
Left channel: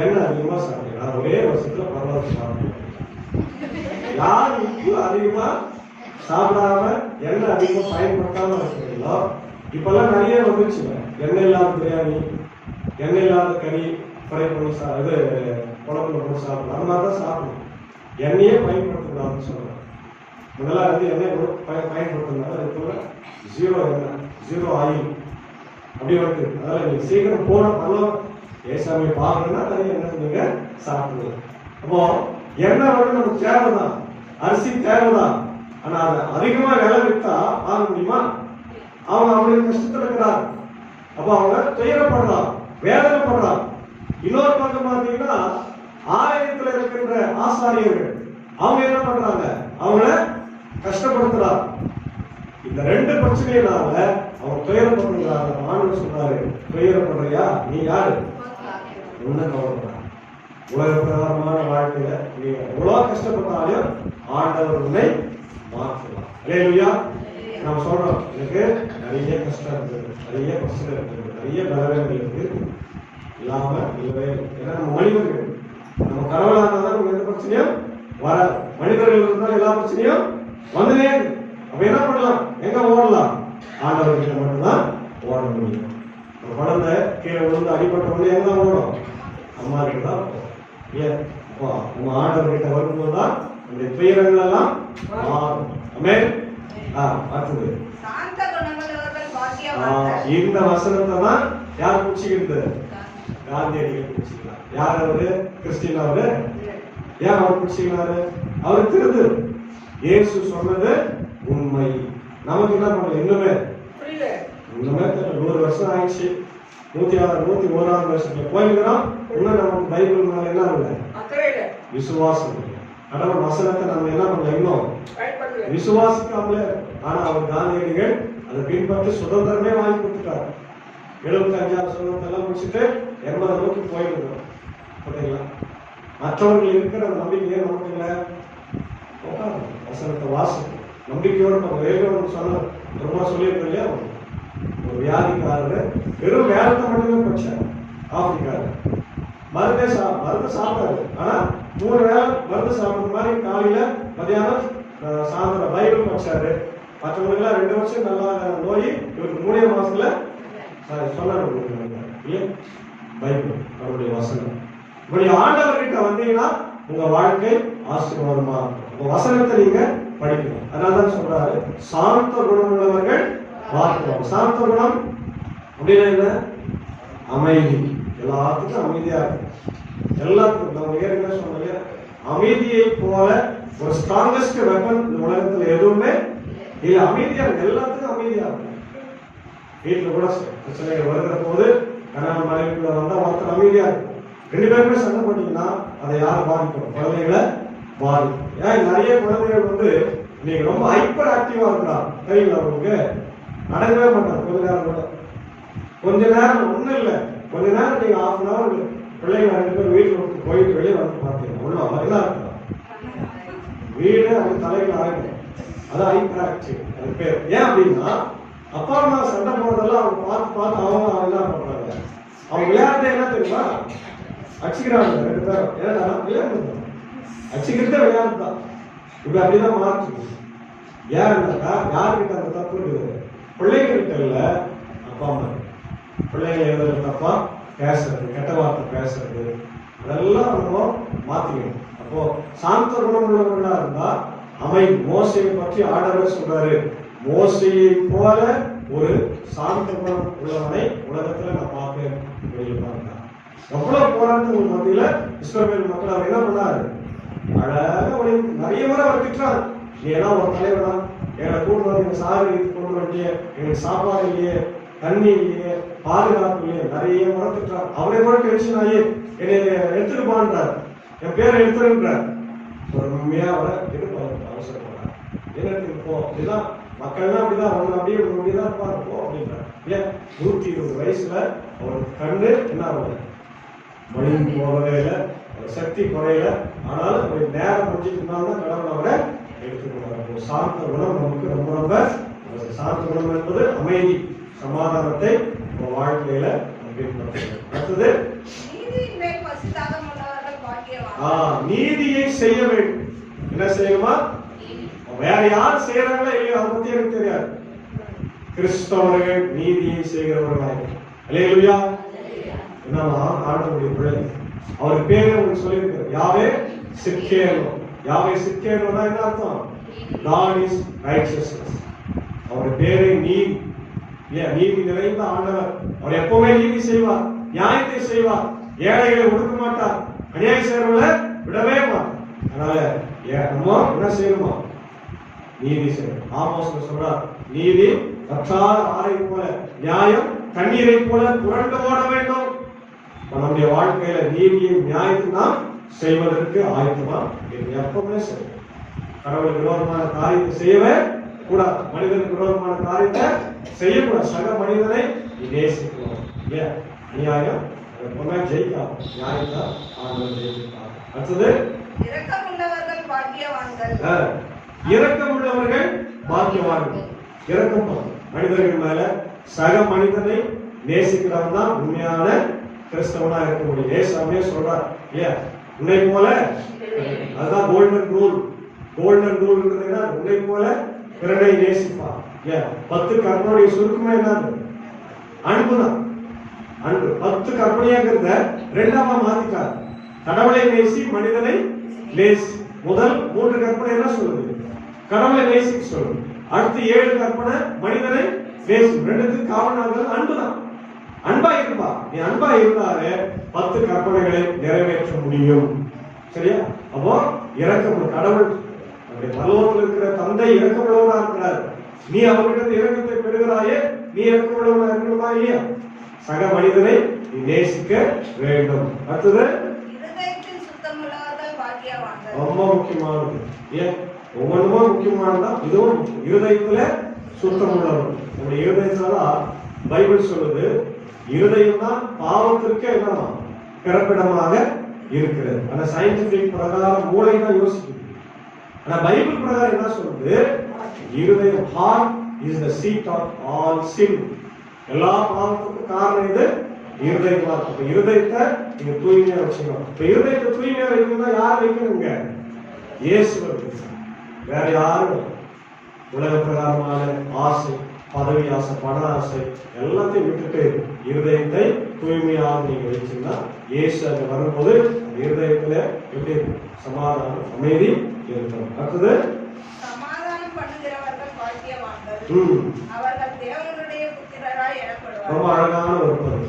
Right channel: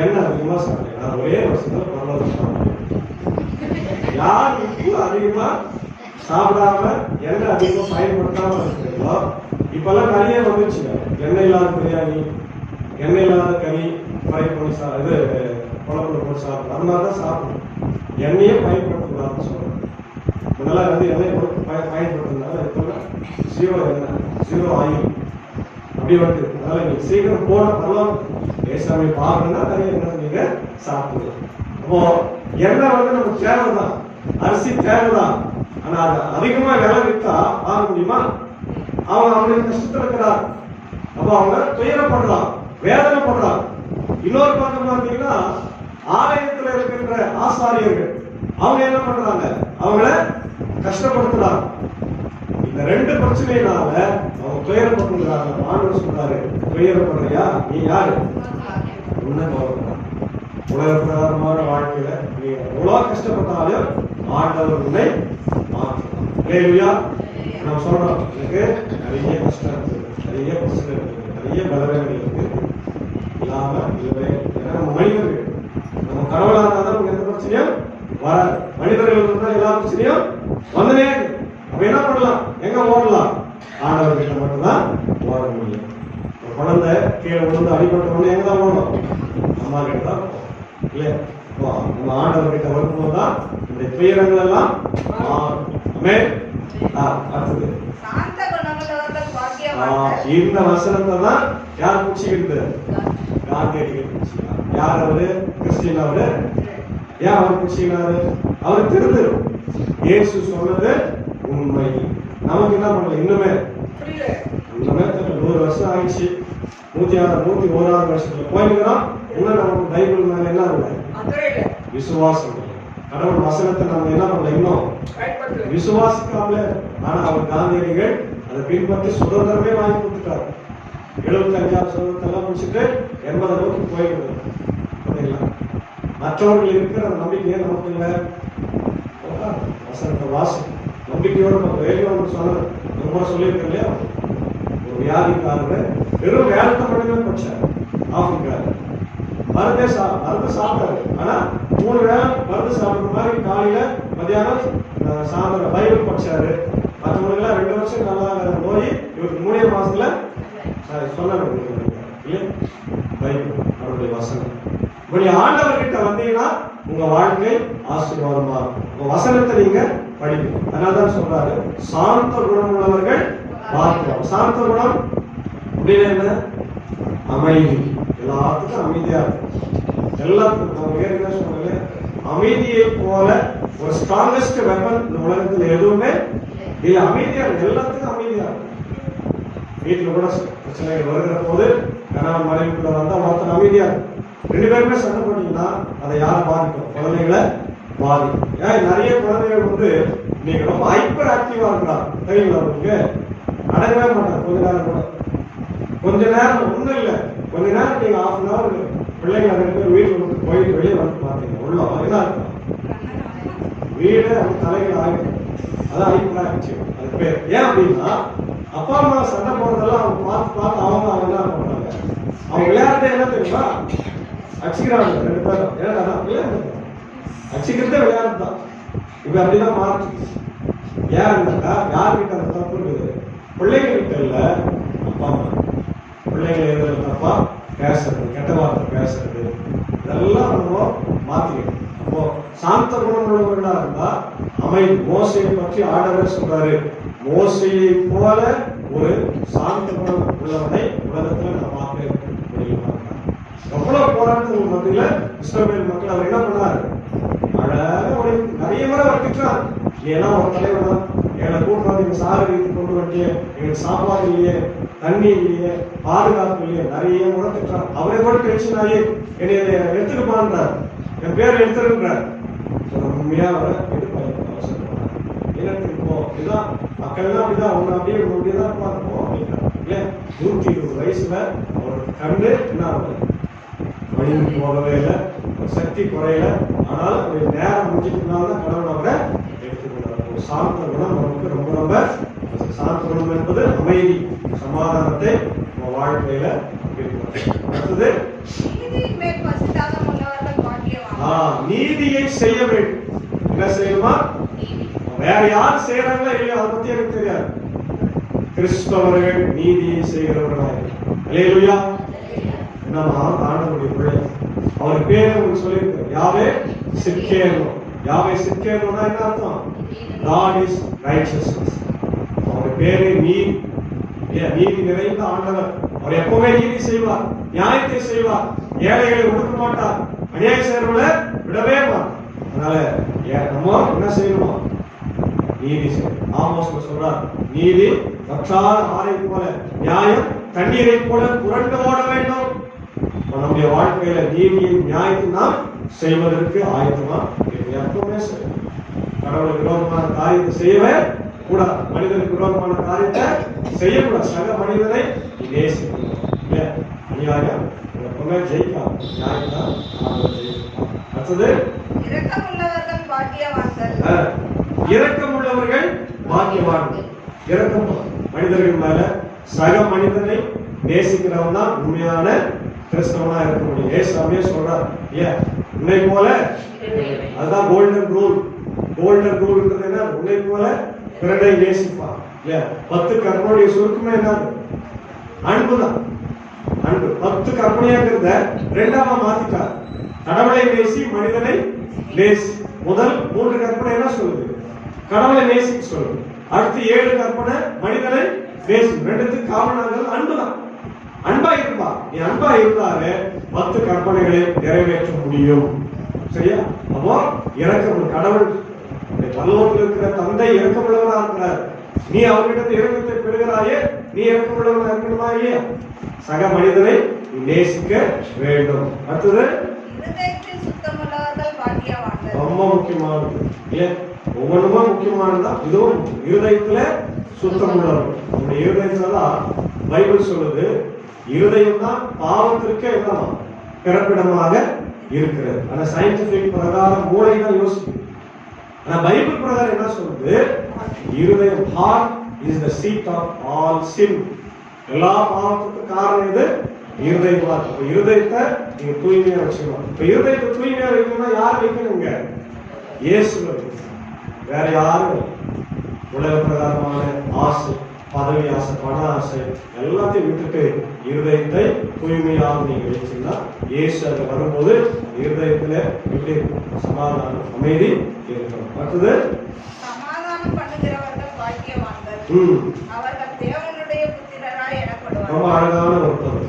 எண்ணெய் அதிகமா சாப்பிடு. நான் ஒரே வருஷத்துல பரவாயில்ல சாப்பிடுவேன். யார் உப்பு அதிகமா சாப்பிடாம எண்ணெய் அதிகமா பயன்படுத்தாம இருக்கிறீங்களோ, இப்பெல்லாம் நிறைய வந்துச்சுங்க. எண்ணெய் இல்லாத பிரியாணி, எண்ணெய் இல்லாத கறி ஃப்ரை பண்ணி இது குழம்புல போட்டு சாப்பிடணும். அந்த மாதிரி தான் சாப்பிடணும். எண்ணெயே பயன்படுத்தக்கூடாதுன்னு சொல்றேன். முன்னெல்லாம் வந்து எண்ணெய் பயன்படுத்துறதுனால இப்போ 0 எண்ணெய், 0 ஆயில் அப்படி வந்து. அதனால நீங்க சீக்கிரம் போன பரவாயில்ல, ஏசாமி பாருன்னா நிறைய எண்ணெய் நீங்க சாப்பிடுங்க. அப்போ எண்ணெய் வந்து நமக்கு தேவைதான், அரிசி தேவைதான். ஆனா அது அதிகமா விலை வித்தா வாங்க முடியுமா? அவங்க அவங்களுக்கு கஷ்டத்துல இருக்கிறார். அப்ப அவங்க துயரப்படுறாங்க, வேதனைப்படுறாங்க. இன்னொரு பக்கம் பார்த்தீங்கன்னா ஆலயத்துல இருக்கின்ற ஆசாரியர்கள் அவங்க என்ன பண்றாங்க? அவங்கள கஷ்டப்படுத்துறாங்க. இந்த 2 பிரச்சனையினால அவங்க துயரப்படுறாங்க. ஆண்டவர் சொல்றாரு, துயரப்படுறியா? நீ யாரு? உன்ன கவலைப்படுறாங்க. உலக பிரகாரமான வாழ்க்கையில நீ எவ்வளவு கஷ்டப்பட்டாலும் ஆண்டவர் உன்னை மாற்றலாம். அல்லேலூயா. நம்ம சொல்றோம், எனக்கு நிறைய கஷ்டம் இருக்குது, நிறைய பிரச்சனை இருக்குது, நிறைய பலவீனங்கள் இருக்கு, இல்லாம இல்லவே. ஏன்னா நம்ம மனிதர்கள், நம்ம கடவுளானதான் நமக்கு எந்த பிரச்சனையும் வராது. மனிதர்கள் இருந்தால் எல்லா பிரச்சனையும் வந்துனே இருக்கு. அப்ப என்ன பண்ணலாம்? எங்க ஓடலாம்? ஆண்டவர் கிட்ட மட்டும்தான் ஓட முடியும். ஒரு குழந்தை கீழே விழுந்து அடிபட்டவங்க எங்க தான் ஓடும்? அம்மா கிட்ட தான் இல்ல. நம்ம ஆண்டவர் கிட்ட வரும்போது தான் இந்த துயரங்கள் எல்லாம் மாறும். அடுத்தது சாந்த குணமுள்ளவர்கள் பாக்கியவான்கள். இந்த வசனத்தை தான் யார் பிடிச்சிக்கிட்டு? காந்தியடிகள் பிடிச்சிக்கலாம். யார் அவரு? கிறிஸ்டின் அவரு. ஏன் அவர் பிடிச்சிக்கிறாரு? அவர் திருந்து இயேசு சொன்னது உண்மை. நமக்கு என்ன பண்ணல? இன்னுமே 100 வருஷம் ஆயிடுச்சு. 101வது வருஷத்துல போயிருக்கிறோம். இன்னும் நமக்கு பைபிள் மேல என்ன இல்லை? விசுவாசம். கடவுள் வசனத்தை நம்ம என்ன பண்ணல? இன்னும் விசுவாசிக்காமல. ஆனா அவர் காந்தியடிகள் அதை பின்பற்றி சுதந்திரமே வாங்கி கொடுத்துட்டாரு. 75 சுதந்திரத்தெல்லாம் முடிச்சுட்டு 80 நோக்கி போயிருந்தோம். மற்றவர்கள் இருக்கிற அந்த நம்பிக்கையே நமக்கு இல்லை. வசனத்தை வாசம் நம்பிக்கையோடு சொன்ன ரொம்ப சொல்லியிருக்க இல்லையா? ஒரு வியாதிக்காரர் வெறும் வேலத்தை மட்டுமே படிச்சார். ஆப்பிரிக்காரு மருந்து சாப்பிட்டாரு. ஆனா 3 வேளை மருந்து சாப்பிடுற மாதிரி காலையில மத்தியானம் சாயந்தரம் பைபிள் படிச்சாரு. மற்றவங்களுக்கு எல்லாம் 2 வருஷம் நல்லா நோய், இவருக்கு 3 மாசத்துல சொன்னாரு பைபிள் அவருடைய வசனம். இப்படி ஆண்டவர் கிட்ட வந்தீங்கன்னா உங்க வாழ்க்கை ஆசீர்வாதமா இருக்கும். உங்க வசனத்தை நீங்க படிக்கணும். அதனாலதான் சொல்றாரு, சாந்த குணம் உள்ளவர்கள் பார்க்கலாம். சாந்த குணம் அப்படின்னு என்ன? அமைதி. எல்லாத்துக்கும் அமைதியா இருக்கும். எல்லாத்துக்கும் நம்ம ஏற்கனவே சொன்னாங்க, அமைதியை போல ஒரு ஸ்ட்ராங்கஸ்ட் வெப்பன் இந்த உலகத்துல எதுவுமே இல்லை. அமைதியா இருக்கு, எல்லாத்துக்கும் அமைதியா இருக்கும். வீட்டுல கூட பிரச்சனைகள் வருகிற போது கணவன் மனைவிக்குள்ள வந்தா ஒருத்தர் அமைதியா இருக்கும். 2 பேருமே சண்டை போட்டீங்கன்னா அதை யார் பாதிக்கும்? குழந்தைகளை பாதிக்கும். ஏன் நிறைய குழந்தைகள் வந்து நீங்க ரொம்ப ஹைப்பர் ஆக்டிவா இருக்கிறாங்க தெரியுங்களா? உங்களுக்கு அடங்கவே மாட்டாங்க. கொஞ்ச நேரம் ஒண்ணும் இல்லை, கொஞ்ச நேரம் நீங்க 1/2 hour பிள்ளைங்க 2 பேர் வீட்டுல போயிட்டு வெளியே வந்து பாத்தீங்க உள்ள வயதான் இருக்கலாம் வீடு அவங்க தலைகள் ஆகிடும். அதான் ஹைப்பர் ஆக்டிவ் அது பேர். ஏன் அப்படின்னா அப்பா அம்மா சண்டை போடுறதெல்லாம் அவங்க பார்த்து அவங்க என்ன பண்றாங்க? அவங்க விளையாடுறதே என்ன தெரியுமா? அடிச்சுக்கிறாங்க 2 பேரும். ஏன்னா விளையாடுறது அடிச்சுக்கிட்டே விளையாடுறது தான். இப்ப அப்படிதான் மாற்று. ஏன் யாருக்கிட்ட அந்த தப்பு இருக்குது? பிள்ளைங்ககிட்ட இல்ல, அப்பா அம்மா. பிள்ளைங்க எதுல தப்பா பேசுறது, கெட்ட வார்த்தை பேசுறது, இதெல்லாம் நம்ம மாத்திக்கணும். அப்போ சாந்த குணம் உள்ளவர்களா இருந்தா அமைதி. மோசையை பற்றி ஆண்டவர் சொல்றாரு, மோசையை போல ஒரு சாந்த குணம் உள்ளவனை உலகத்துல நான் பார்க்கிறேன். எவ்வளவு போராட்டங்கள் மத்தியில இஸ்ரவேல் மக்கள் அவர் என்ன பண்ணாரு? அழகாக நிறைய முறை அவர் திட்டுறாரு. நீ எல்லாம் ஒரு தலைவனா, எங்களை கூட்டு வந்து எங்க சாகரி கொண்டு வந்துட்டியே, எங்களுக்கு சாப்பாடு இல்லையே, தண்ணி இல்லையே, பாதுகாப்பு இல்லையே, நிறைய முறை திட்டுறாரு. அவரே கூட டென்ஷன் ஆகி என்னை எடுத்துட்டு போன்றார், என் பேர் எடுத்துருக்கிறார். உண்மையா அவரை எதிர்பார்க்க அவசரப்படுறார். எனக்கு இப்போ இதுதான் மக்கள்லாம் அப்படிதான் ஒன்னு அப்படியே அப்படியேதான் இருப்பாங்க அப்படின்றார். இல்ல 120 வயசுல அவர் கண்டு என்ன ஆகுது? வழிந்து போகவே இல்லை, சக்தி குறையல. ஆனாலும் நேரம் முடிஞ்சிட்டுனால்தான் கடவுள் அவரை எடுத்துக்கிறார். ஒரு சாந்த குணம் நமக்கு ரொம்ப ரொம்ப சாந்த குணம் என்பது அமைதி, சமாதானத்தை வாழ்க்கையில அடுத்தது நீதியை செய்ய வேண்டும். என்ன செய்யணுமா? வேற யார் செய்யறாங்களோ இல்லையோ அதை பத்தி எனக்கு தெரியாது. கிறிஸ்தவர்கள் நீதியை செய்கிறவர்களாக அல்லேலூயா. என்னமா ஆண்டவருடைய பிள்ளை, அவர் பேரே உங்களுக்கு சொல்லியிருக்காரு, யாவே சிக்கேனோ. யாவே சிக்கேனோனா என்ன அர்த்தம்? God is righteousness. அவருடைய பேரே நீதி. நீதி நிறைந்த ஆண்டவர். அவர் எப்பவுமே நீதி செய்வார், நியாயத்தை செய்வார், ஏழைகளை ஒடுக்க மாட்டார், அநியாயம் செய்யறவங்களை விடவே மாட்டார். அதனால நம்ம என்ன செய்யணுமா? நீதி செய்யணும். ஆமோஸ்ல சொல்றார், நீதி வற்றாத ஆறை போல, நியாயம் தண்ணீரை போல புரண்டு ஓட வேண்டும். நம்முடைய வாழ்க்கையில நீதியை நியாயத்தை நாம் செய்வதற்கு ஆயத்தமா எப்பவுமே செய்யணும். கடவுளுக்கு விரோதமான காரியத்தை செய்யவே கூடாது. மனிதனுக்கு விரோதமான காரியத்தை செய்யக்கூடாது. சக மனிதனை நேசிக்கணும். அநியாயம் எப்பவுமே ஜெயிக்காது, நியாயம் தான் ஜெயிக்கலாம். அடுத்தது இரக்கமுள்ளவர்கள் பாக்கியவான்கள். இரக்கமுள்ளவர்கள் பாக்கியவான்கள். இரக்கம் மனிதர்கள் மேல சக மனிதனை நேசிக்கிறவன் தான் உண்மையான கிறிஸ்தவனா இருக்க முடியும். ஏசாமியே சொல்றார் இல்லையா, உன்னை போல, அதுதான் கோல்டன் ரூல். கோல்டன் ரூல் என்ன? உன்னை போல பிறனை நேசிப்பா. 10 கற்பனையுடைய சுருக்கமே என்ன? அன்புதான். அன்பு 10 கற்பனையாக இருந்த 2ஆமா மாத்திட்டார். கடவுளை நேசி, மனிதனை நேசி. முதல் 3 கற்பனை என்ன சொல்லுது? கடவுளை நேசிக்க சொல்லுது. அடுத்து 7 கற்பனை மனிதனை நேசி. 2த்துக்கு காரணம் அன்புதான். அன்பா இருக்குப்பா, நீ அன்பா இருந்தாலே 10 கற்பனைகளை நிறைவேற்ற முடியும். சரியா? அப்போ இரக்கம், கடவுள் பரலோகத்தில் இருக்கிற தந்தை இரக்கமுள்ளவனா இருக்கிறார். நீ அவர்கிட்ட இரக்கத்தை பெறுகிறாயே, நீ இரக்கமுள்ளவனா இருக்கணுமா இல்லையா? சக மனிதனை நீ நேசிக்க வேண்டும். அடுத்தது இருதயத்தில் சுத்தமுள்ளவர்கள் பாக்கியவான்கள். ரொம்ப முக்கியமானது. ஏன் ஒவ்வொன்றுமா முக்கியமானதான், இதுவும் இருதயத்துல சுத்தமுள்ளவர்கள். நம்முடைய இருதயத்துலதான் பைபிள் சொல்லுது, இருதயம் தான் பாவத்திற்கு என்னவா பிறப்பிடமாக இருக்கிறது. ஆனா சயின்டிபிக் பிரகாரம் மூளை தான் யோசிக்குது. ஆனா பைபிள் பிரகாரம் என்ன சொல்லுது? இருதயம், heart is the seat of all sin. எல்லா பாவத்துக்கும் காரணம் எது? இருதயமா இருக்கு. இப்ப இருதயத்தை நீங்க தூய்மையா வச்சுக்கணும். இப்ப இருதயத்தை தூய்மையா வைக்கணும்னா யார் வைக்கணுங்க? இயேசுவை வைக்கணும். வேற யாரும் உலக பிரகாரமான ஆசை, பதவி ஆசை, பண ஆசை எல்லாத்தையும் விட்டுட்டு இருதயத்தை தூய்மையாக நீங்க வச்சீங்கன்னா இயேசு அது வரும்போது இருதயத்துல எப்படி சமாதானம், அமைதி இருக்கணும். அடுத்தது சமாதானம் பண்ணுகிறவர்கள் பாக்கியவான்கள். அவர்கள் தேவனுடைய புத்திரராய் எனப்படுவார்கள். ரொம்ப அழகான ஒரு பதவி.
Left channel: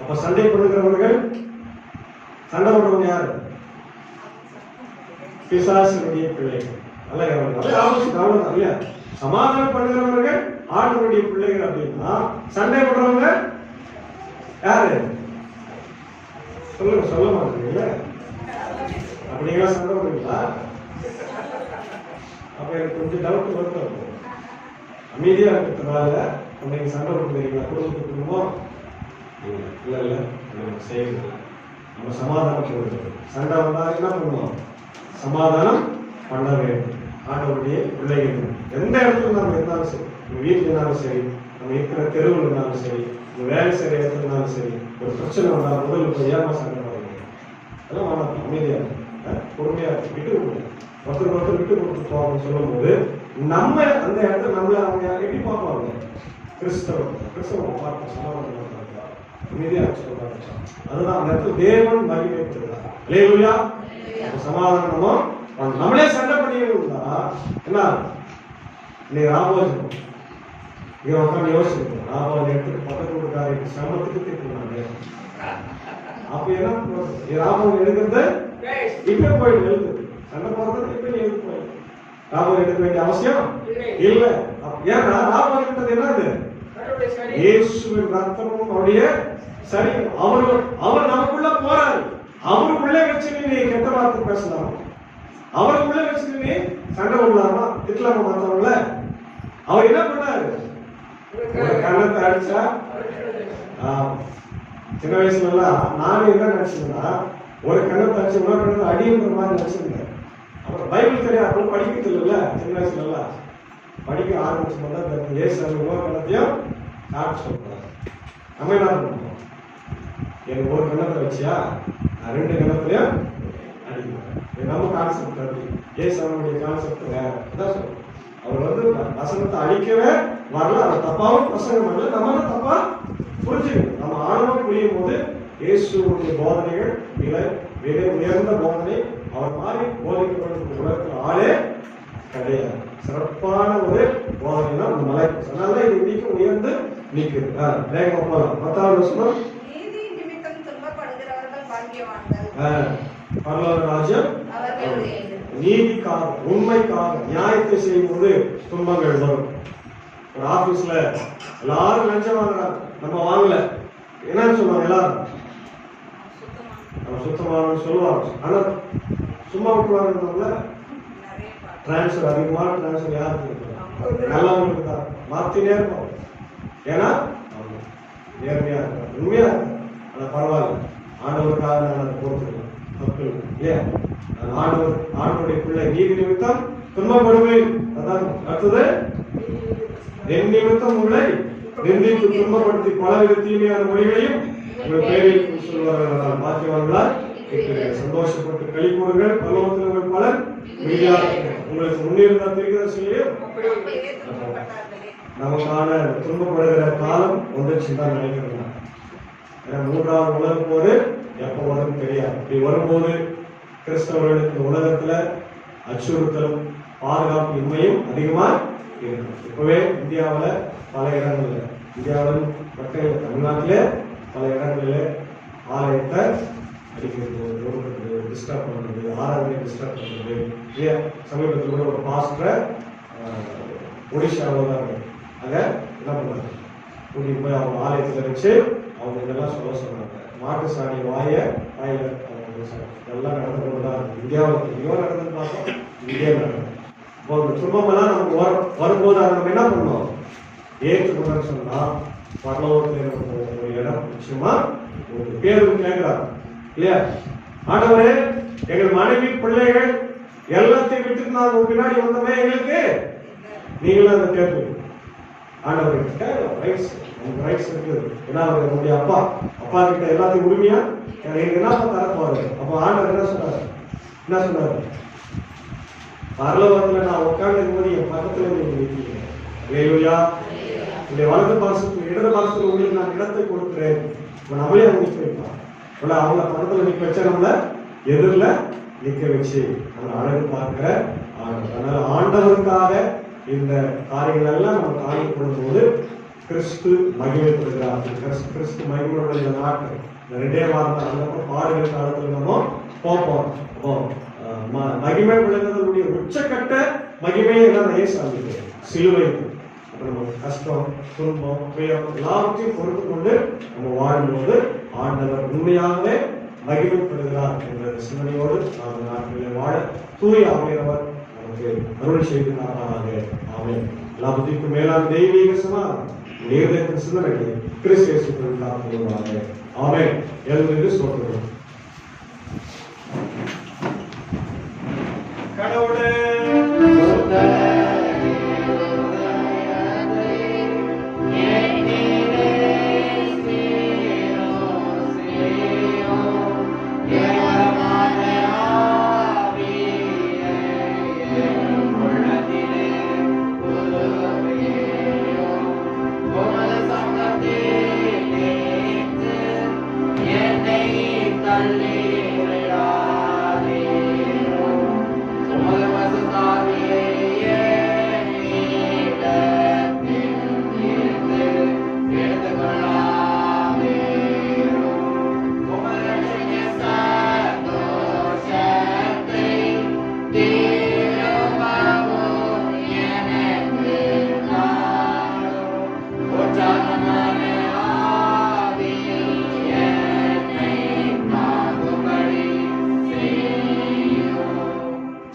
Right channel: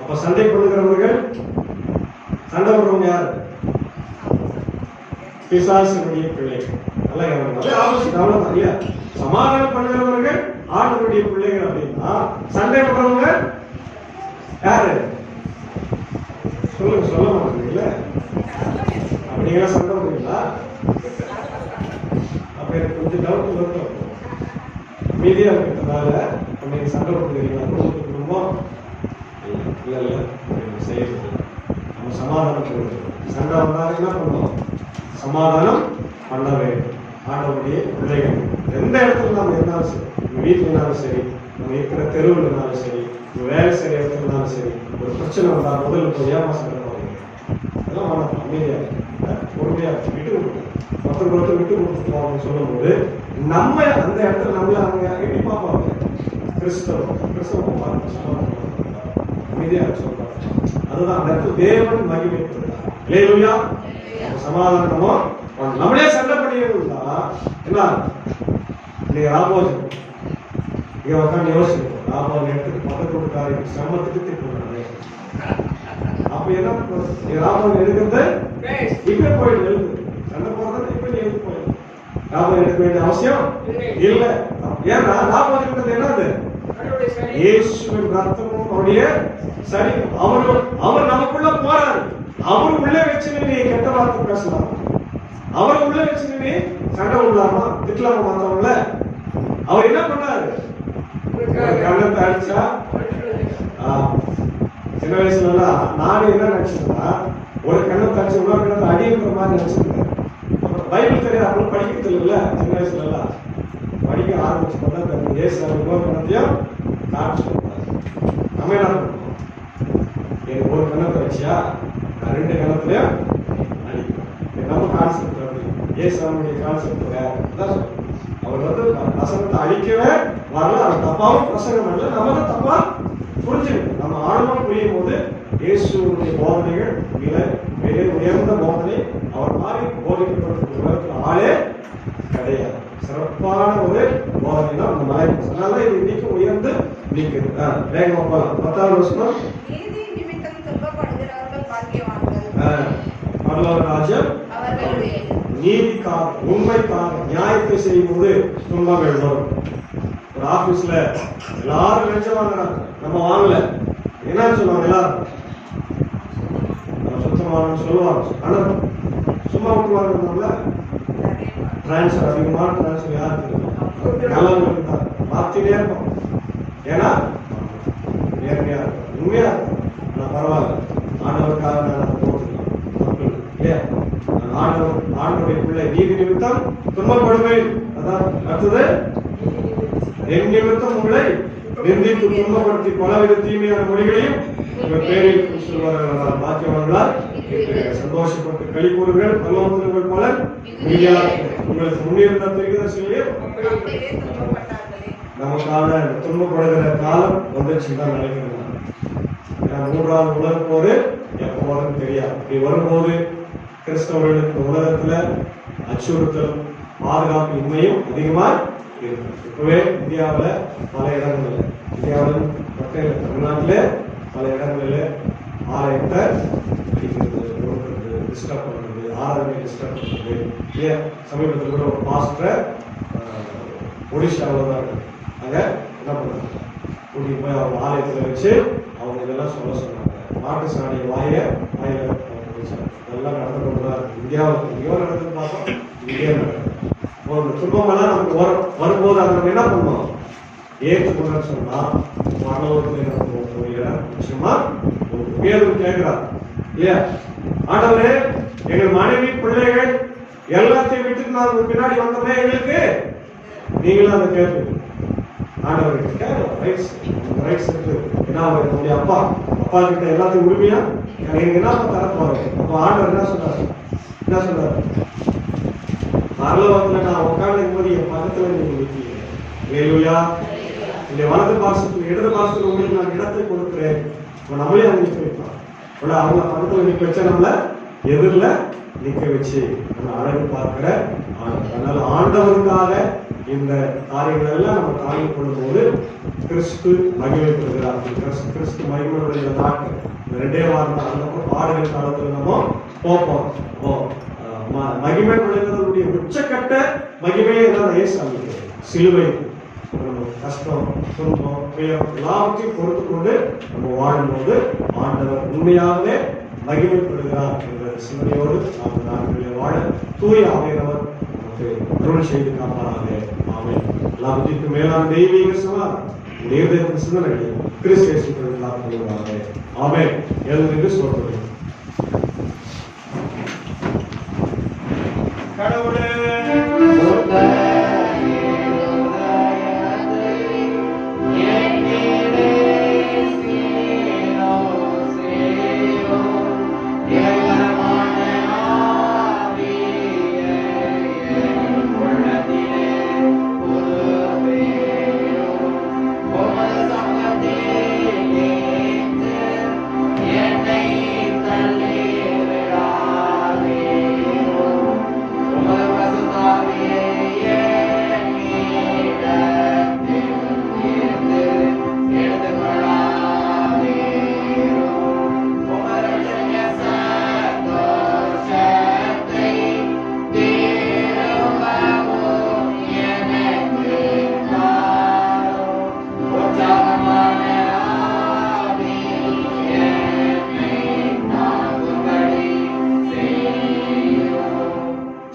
அப்ப சண்டை பண்ணுகிறவர்கள், சண்டை போடுறவங்க யாரு? பிசாசினுடைய பிள்ளைகள். நல்லா கவனிக்கலாம். இல்லையா? சமாதானம் பண்ணுகிறவர்கள் ஆண்டவருடைய பிள்ளைகள் அப்படின்னா, சண்டை பண்றவங்க யாரு சொல்லுங்க, சொல்ல மாட்டீங்களா? அப்படிங்களா சண்டை போடுவீங்களா? அப்ப எனக்கு கொஞ்சம் டவுட் வருது. அமைதியா இருக்கிறதுனால அன்னைக்கு சண்டை போடுறீங்களா? குடும்பம் இல்ல இல்ல செய்யறது நம்ம சமாதானம் சொல்றது. சண்டை வந்தாலும் என்ன பண்ணணும்? சமாதானம் பண்ண வேண்டும். ஆண்டவருடைய பிள்ளைகள் எந்த இடத்துல நம்ம இருந்தாலும் சரி, நம்ம வீட்டுல இருந்தாலும் சரி, நம்ம இருக்கிற தெருவில் இருந்தாலும் சரி, நம்ம வேலை செய்யற இடத்துல இருந்தாலும் சரி, ஒரு பிரச்சனை வந்தால் முதல்ல போய் ஏமா சண்டை போடுறீங்க? அதெல்லாம் வேணாம். அமைதியா பொறுமையா விட்டு கொடுக்கணும். ஒருத்தர் விட்டு கொடுத்து போகணும்னு சொல்லும் போது நம்ம அந்த இடத்துல நம்மள அவங்க எப்படி பார்ப்பாங்க? கிறிஸ்தவம் பார்த்து சமாதானம் அமைதியா சொல்றாங்க. அதுதான் அந்த இடத்துல தேவன் மகிமைப்படுறார். அல்லேலூயா. சமாதானமோ நம்மளே சண்டை பண்ணிருந்தா என்ன? இன்னைக்கு ராமோஜன் இங்க உட்காந்து யோசிச்சு ராமோஜன் எடுத்துட்டு பக்கத்து வீட்டுக்காரங்க சமத்துக்கு திட்டுறாங்க. அப்ப என்ன ராமோஜன் எடுக்கிறது இப்ப போயிட்டு எழுது சண்டை போடுறது இப்ப நீ எழுது போயிடு. ராமோஜன் எடுக்க வேண்டிய அவசியம் இல்ல. ஏன்னா ராமோஜன் என்னது? இயேசுவின் ரத்தமும் அவருடைய சரி. அவர் நமக்குள்ள போறாரு. அவர் உள்ளே வச்சு நீ கெட்ட வார்த்தை பேசலாம். அவரை உள்ள வச்சு நீ சண்டை விடலாமா? திட்டலாமா மத்தவங்கள? அவர் என்ன பண்ணாரு? கண்ணத்தை அடிச்சா சின்ன வயசுல எல்லாம் நானும் என்ன நினைச்சேன்னா ஒரு கண்ணத்தை அடிச்சு இன்னொரு கண்ணத்தை அடிங்கிற மாதிரி நினைச்சிருந்தேன். அப்புறம் பைபிள் தெரியாது, அப்புறம் படிக்கிறது இல்லைல்ல. சின்ன வயசுல எல்லாம் படிக்க ஆரம்பிச்சு பார்த்தா ஏசு இன்னொரு கண்ணத்தையும் காட்டு சொல்றாரு. நம்ம என்ன பண்ணுவோம்? எனக்கு ஒரு கண்ணத்தை வச்சியா நான் 2 கண்ணத்துலயும் அடிப்பேன். நம்ம கான்செப்ட் வருது. ஏசு அவனுடைய கான்செப்ட் வேற. அதான் சொல்றேன். அவர் வசனத்தை அழிக்கவே வரல. அது தப்பாவும் பிரசங்கம் வரல. நம்ம தான் தப்பா புரிஞ்சுக்கணும். நம்ம ஆழமா புரியும் போது இயேசுடைய போதனைகள் மிக உயர்ந்த போதனை. அவர் மாதிரி போதிக்கப்பட்ட உலகத்தில் ஆளே கிடையாது. சிறப்பான ஒரு போதனை தான் அந்த மலை. அதனால இது இன்னைக்கு உயர்ந்து நிற்குது. வேகமா போகலாம். 10வது வசனம். பரலோக ராஜ்யம் நீதிக்காக உண்மைக்காக நியாயத்தை செய்யும் போது துன்பங்கள் வரும். ஒரு ஆபீஸ்ல எல்லாரும் லஞ்சம் வாங்குறாங்க, நம்ம வாங்கல. என்ன சொல்லுவாங்க? எல்லாரும் நம்ம சுத்தமானு சொல்லுவாங்க. ஆனா சும்மா விட்டுவாங்க. டிரான்ஸ்பர் அதிகமான டிரான்ஸ்பர் யாருக்கு இருக்கும்? நல்லவங்களுக்கு தான். மாத்திட்டே இருப்போம். ஏன்னா நேர்மையா இருக்கும், உண்மையா இருக்கும். ஆனா பரவாயில்ல, ஆண்டவருக்காக நான் போட்டுக்கலாம். ஆண்டவருடைய பிள்ளை நீதி நிமித்தம் துன்பப்படுவேன். அதான் அடுத்தது, என் நிமித்தம் உங்களை நிந்தித்து துன்பப்படுத்தி பலவித தீமையான மொழிகளையும் பேரில் சொல்வார்கள். பாக்கியவான்களால் சந்தோஷப்பட்டு களி கூறுங்கள். பலவந்தங்கள் பலர் உங்களுக்கு முன்னிருந்த தெரிவிக்க நமக்கான துன்பப்படுகிற காலம் வந்துச்சுன்னு தான் நினைக்கிறேன். 3வது உலக போது எப்போ வரும் தெரியாது. இப்படி வரும்போது கிறிஸ்தவர்களுக்கு உலகத்துல அச்சுறுத்தலும் பாதுகாப்பு இன்மையும் அதிகமா இருக்கும். இப்பவே இந்தியாவில பல இடங்கள்ல, இந்தியாவில் மக்கள் தமிழ்நாட்டிலே பல இடங்களில் ஆலயத்தை டிஸ்டர்ப் பண்ணுறது, ஆராதனை டிஸ்டர்ப் பண்ணுறது இல்லையா? சமீபத்தில் கூட ஒரு பாஸ்டரை ஒடிஷாவில் தான் இருக்கு. அங்கே என்ன பண்ணுறாங்க? கூட்டிட்டு போய் அவங்க ஆலயத்தில் வச்சு அவங்க இதெல்லாம் சொல்ல சொன்னாங்க. மாட்டு சாணி வாயில எல்லாம் நடந்துதான் இந்தியாவில் எங்கேயோ நடந்து பார்த்தோம். இங்கே நடக்கும் துன்பமெல்லாம் நமக்கு வரும்போது அதை நம்ம என்ன பண்ணுவோம்? ஏற்றுக்கொண்டு சொன்னா பரலோகத்தில் ஒரு இடம் நிச்சயமா ஒரு பேரும் கேட்கிறார் இல்லையா? ஆண்டவரே, எங்கள் மனைவி பிள்ளைகள் எல்லாத்தையும் விட்டுட்டு நாங்கள் பின்னாடி வந்தோமே, எங்களுக்கு நீங்களும் அதை கேட்பீங்க. ஆண்டவருக்கு கேட்கலாம், ரைட்ஸ் இருக்கு. ஏன்னா அவர் நம்முடைய அப்பா கிட்ட எல்லாத்தையும் உரிமையா எனக்கு என்னப்பா தரப்போறாரு. அப்ப ஆண்டவர் என்ன சொல்றாரு? பரலோகத்துல நான் உட்கார்ந்து போது என் பக்கத்துல நீங்க வைக்கிறீங்க. இந்த வலது பாசத்துல இடது பாசத்துல உங்களுக்கு நான் இடத்தை கொடுக்குறேன். நம்மளே அவங்க நிக்க வைப்போம். அவங்க பக்கத்துல நிக்க வச்சா நம்மள எதிரில நிக்க வச்சு நம்ம அழகு பார்க்கிற. அதனால ஆண்டவருக்காக இந்த காரியங்கள் எல்லாம் நம்ம தாங்கி கொள்ளும்போது கிறிஸ்து மகிமைப்படுகிறார். கிறிஸ்து மகிமையுடைய இந்த நாட்டு இந்த 2 வாரம் அந்த பாடுகள் காலத்துல நம்ம போப்போம். மகிமைப்படுகிறவருடைய உச்சக்கட்ட மகிமையை தான் இயேசு சிலுவை நம்ம கஷ்டம், துன்பம், துயரம் எல்லாவற்றையும் பொறுத்து கொண்டு நம்ம வாழும்போது ஆண்டவர் உண்மையாகவே மகிமைப்படுகிறார் என்ற சிந்தனையோடு நாம் நாட்களில் வாழ தூய ஆவியானவர் நமக்கு அருள் செய்து காப்பாராக. ஆமென். எல்லா புத்திக்கும் மேலான தெய்வீக சமாதானம் உடைய சிந்தனை கிறிஸ்து இயேசுவின் நாமத்திலே. ஆமென். எழுந்து சொல்கிறேன். கடவுளே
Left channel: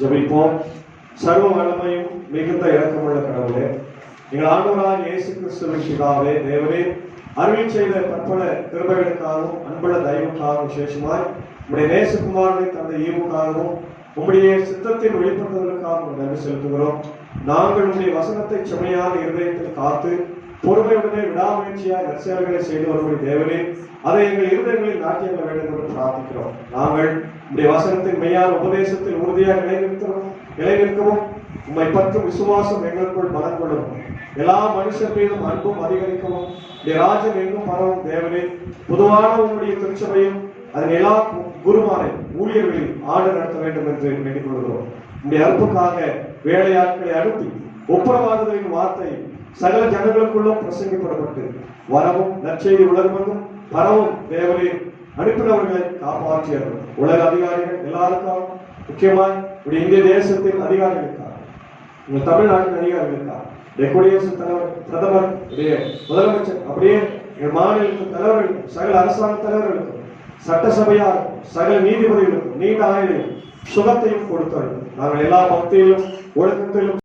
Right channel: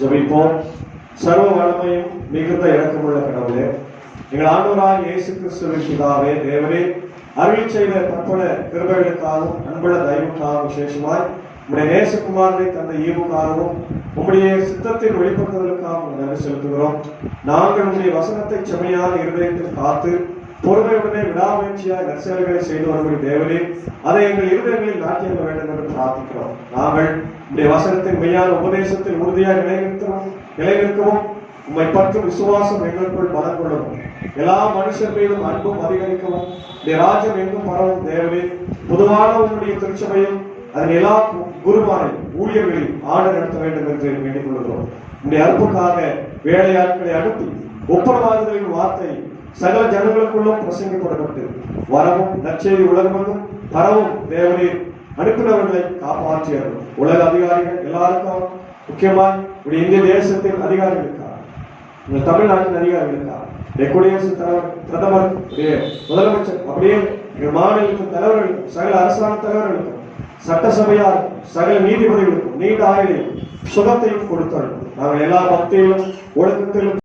ஜெபிப்போம். சர்வ வல்லமையும் மிகுந்த இரக்கமுள்ள கடவுளே, எங்கள் ஆண்டவராகிய இயேசு கிறிஸ்துவின் பிதாவே, தேவரே, அருள் செய்த பற்பல கிருபைகளுக்காகவும் அன்புள்ள தயவுக்காகவும் விசேஷமாய் உம்முடைய நேசகுமாரனை தந்த ஈவுக்காகவும் உம்முடைய சித்தத்தில் வெளிப்படுத்துவதற்காகவும் நன்றி செலுத்துகிறோம். நாங்கள் உம்முடைய வசனத்தை செம்மையான இருதயத்தில் காத்து பொறுமையுடனே விடாமுயற்சியாய் நற்செயல்களை செய்து வருகிற தேவனே, அதை எங்கள் இருதயங்களில் நாட்டியாக வேண்டும் என்று பிரார்த்திக்கிறோம். நாங்கள் உம்முடைய வசனத்தின் மெய்யான உபதேசத்தில் உறுதியாக நிலைநிற்கவும் உம்மை பற்றும் விசுவாசம் எங்களுக்குள் பலம் கொள்ளவும், எல்லா மனுஷர் மீதும் அன்பும் அதிகரிக்கவும், உடைய ராஜ்யம் எங்கும் பரவும் தேவனே, பொதுவான உன்னுடைய திருச்சபையும் அதன் எல்லா குருமாரை ஊழியர்களையும் ஆண்டு நடத்த வேண்டும் என்று வேண்டிக் கொள்கிறோம். உடைய அற்புக்காக வேலையாட்களை அனுப்பி ஒப்புரவாதங்களின் வார்த்தை சகல ஜனங்களுக்குள்ளும் பிரசங்கிக்கப்பட்டு வரவும் நற்செய்தி உலகமெங்கும் பரவும் தேவனே, அனுப்பினவர்களை காப்பாற்றியவர் உலக அதிகாரிகள் எல்லாருக்கும், முக்கியமாய் உடைய இந்திய தேசத்தின் அதிகாரிகளுக்காக, உங்கள் தமிழ்நாட்டின் அதிகாரிகளுக்காக, குடியரசுத் தலைவர், பிரதமர், முதலமைச்சர், அப்படியே எங்கள் மாநிலத்தின் தலைவர்களுக்கும் சகல அரசாங்க தலைவர்களுக்கும் சட்டசபையார் சகல நீதிபதிகளுக்கும் நீண்ட ஆயுளையும் சுகத்தையும் கொடுத்தார்கள். நாங்கள் எல்லா பக்தியிலும் ஒழுக்கத்திலும்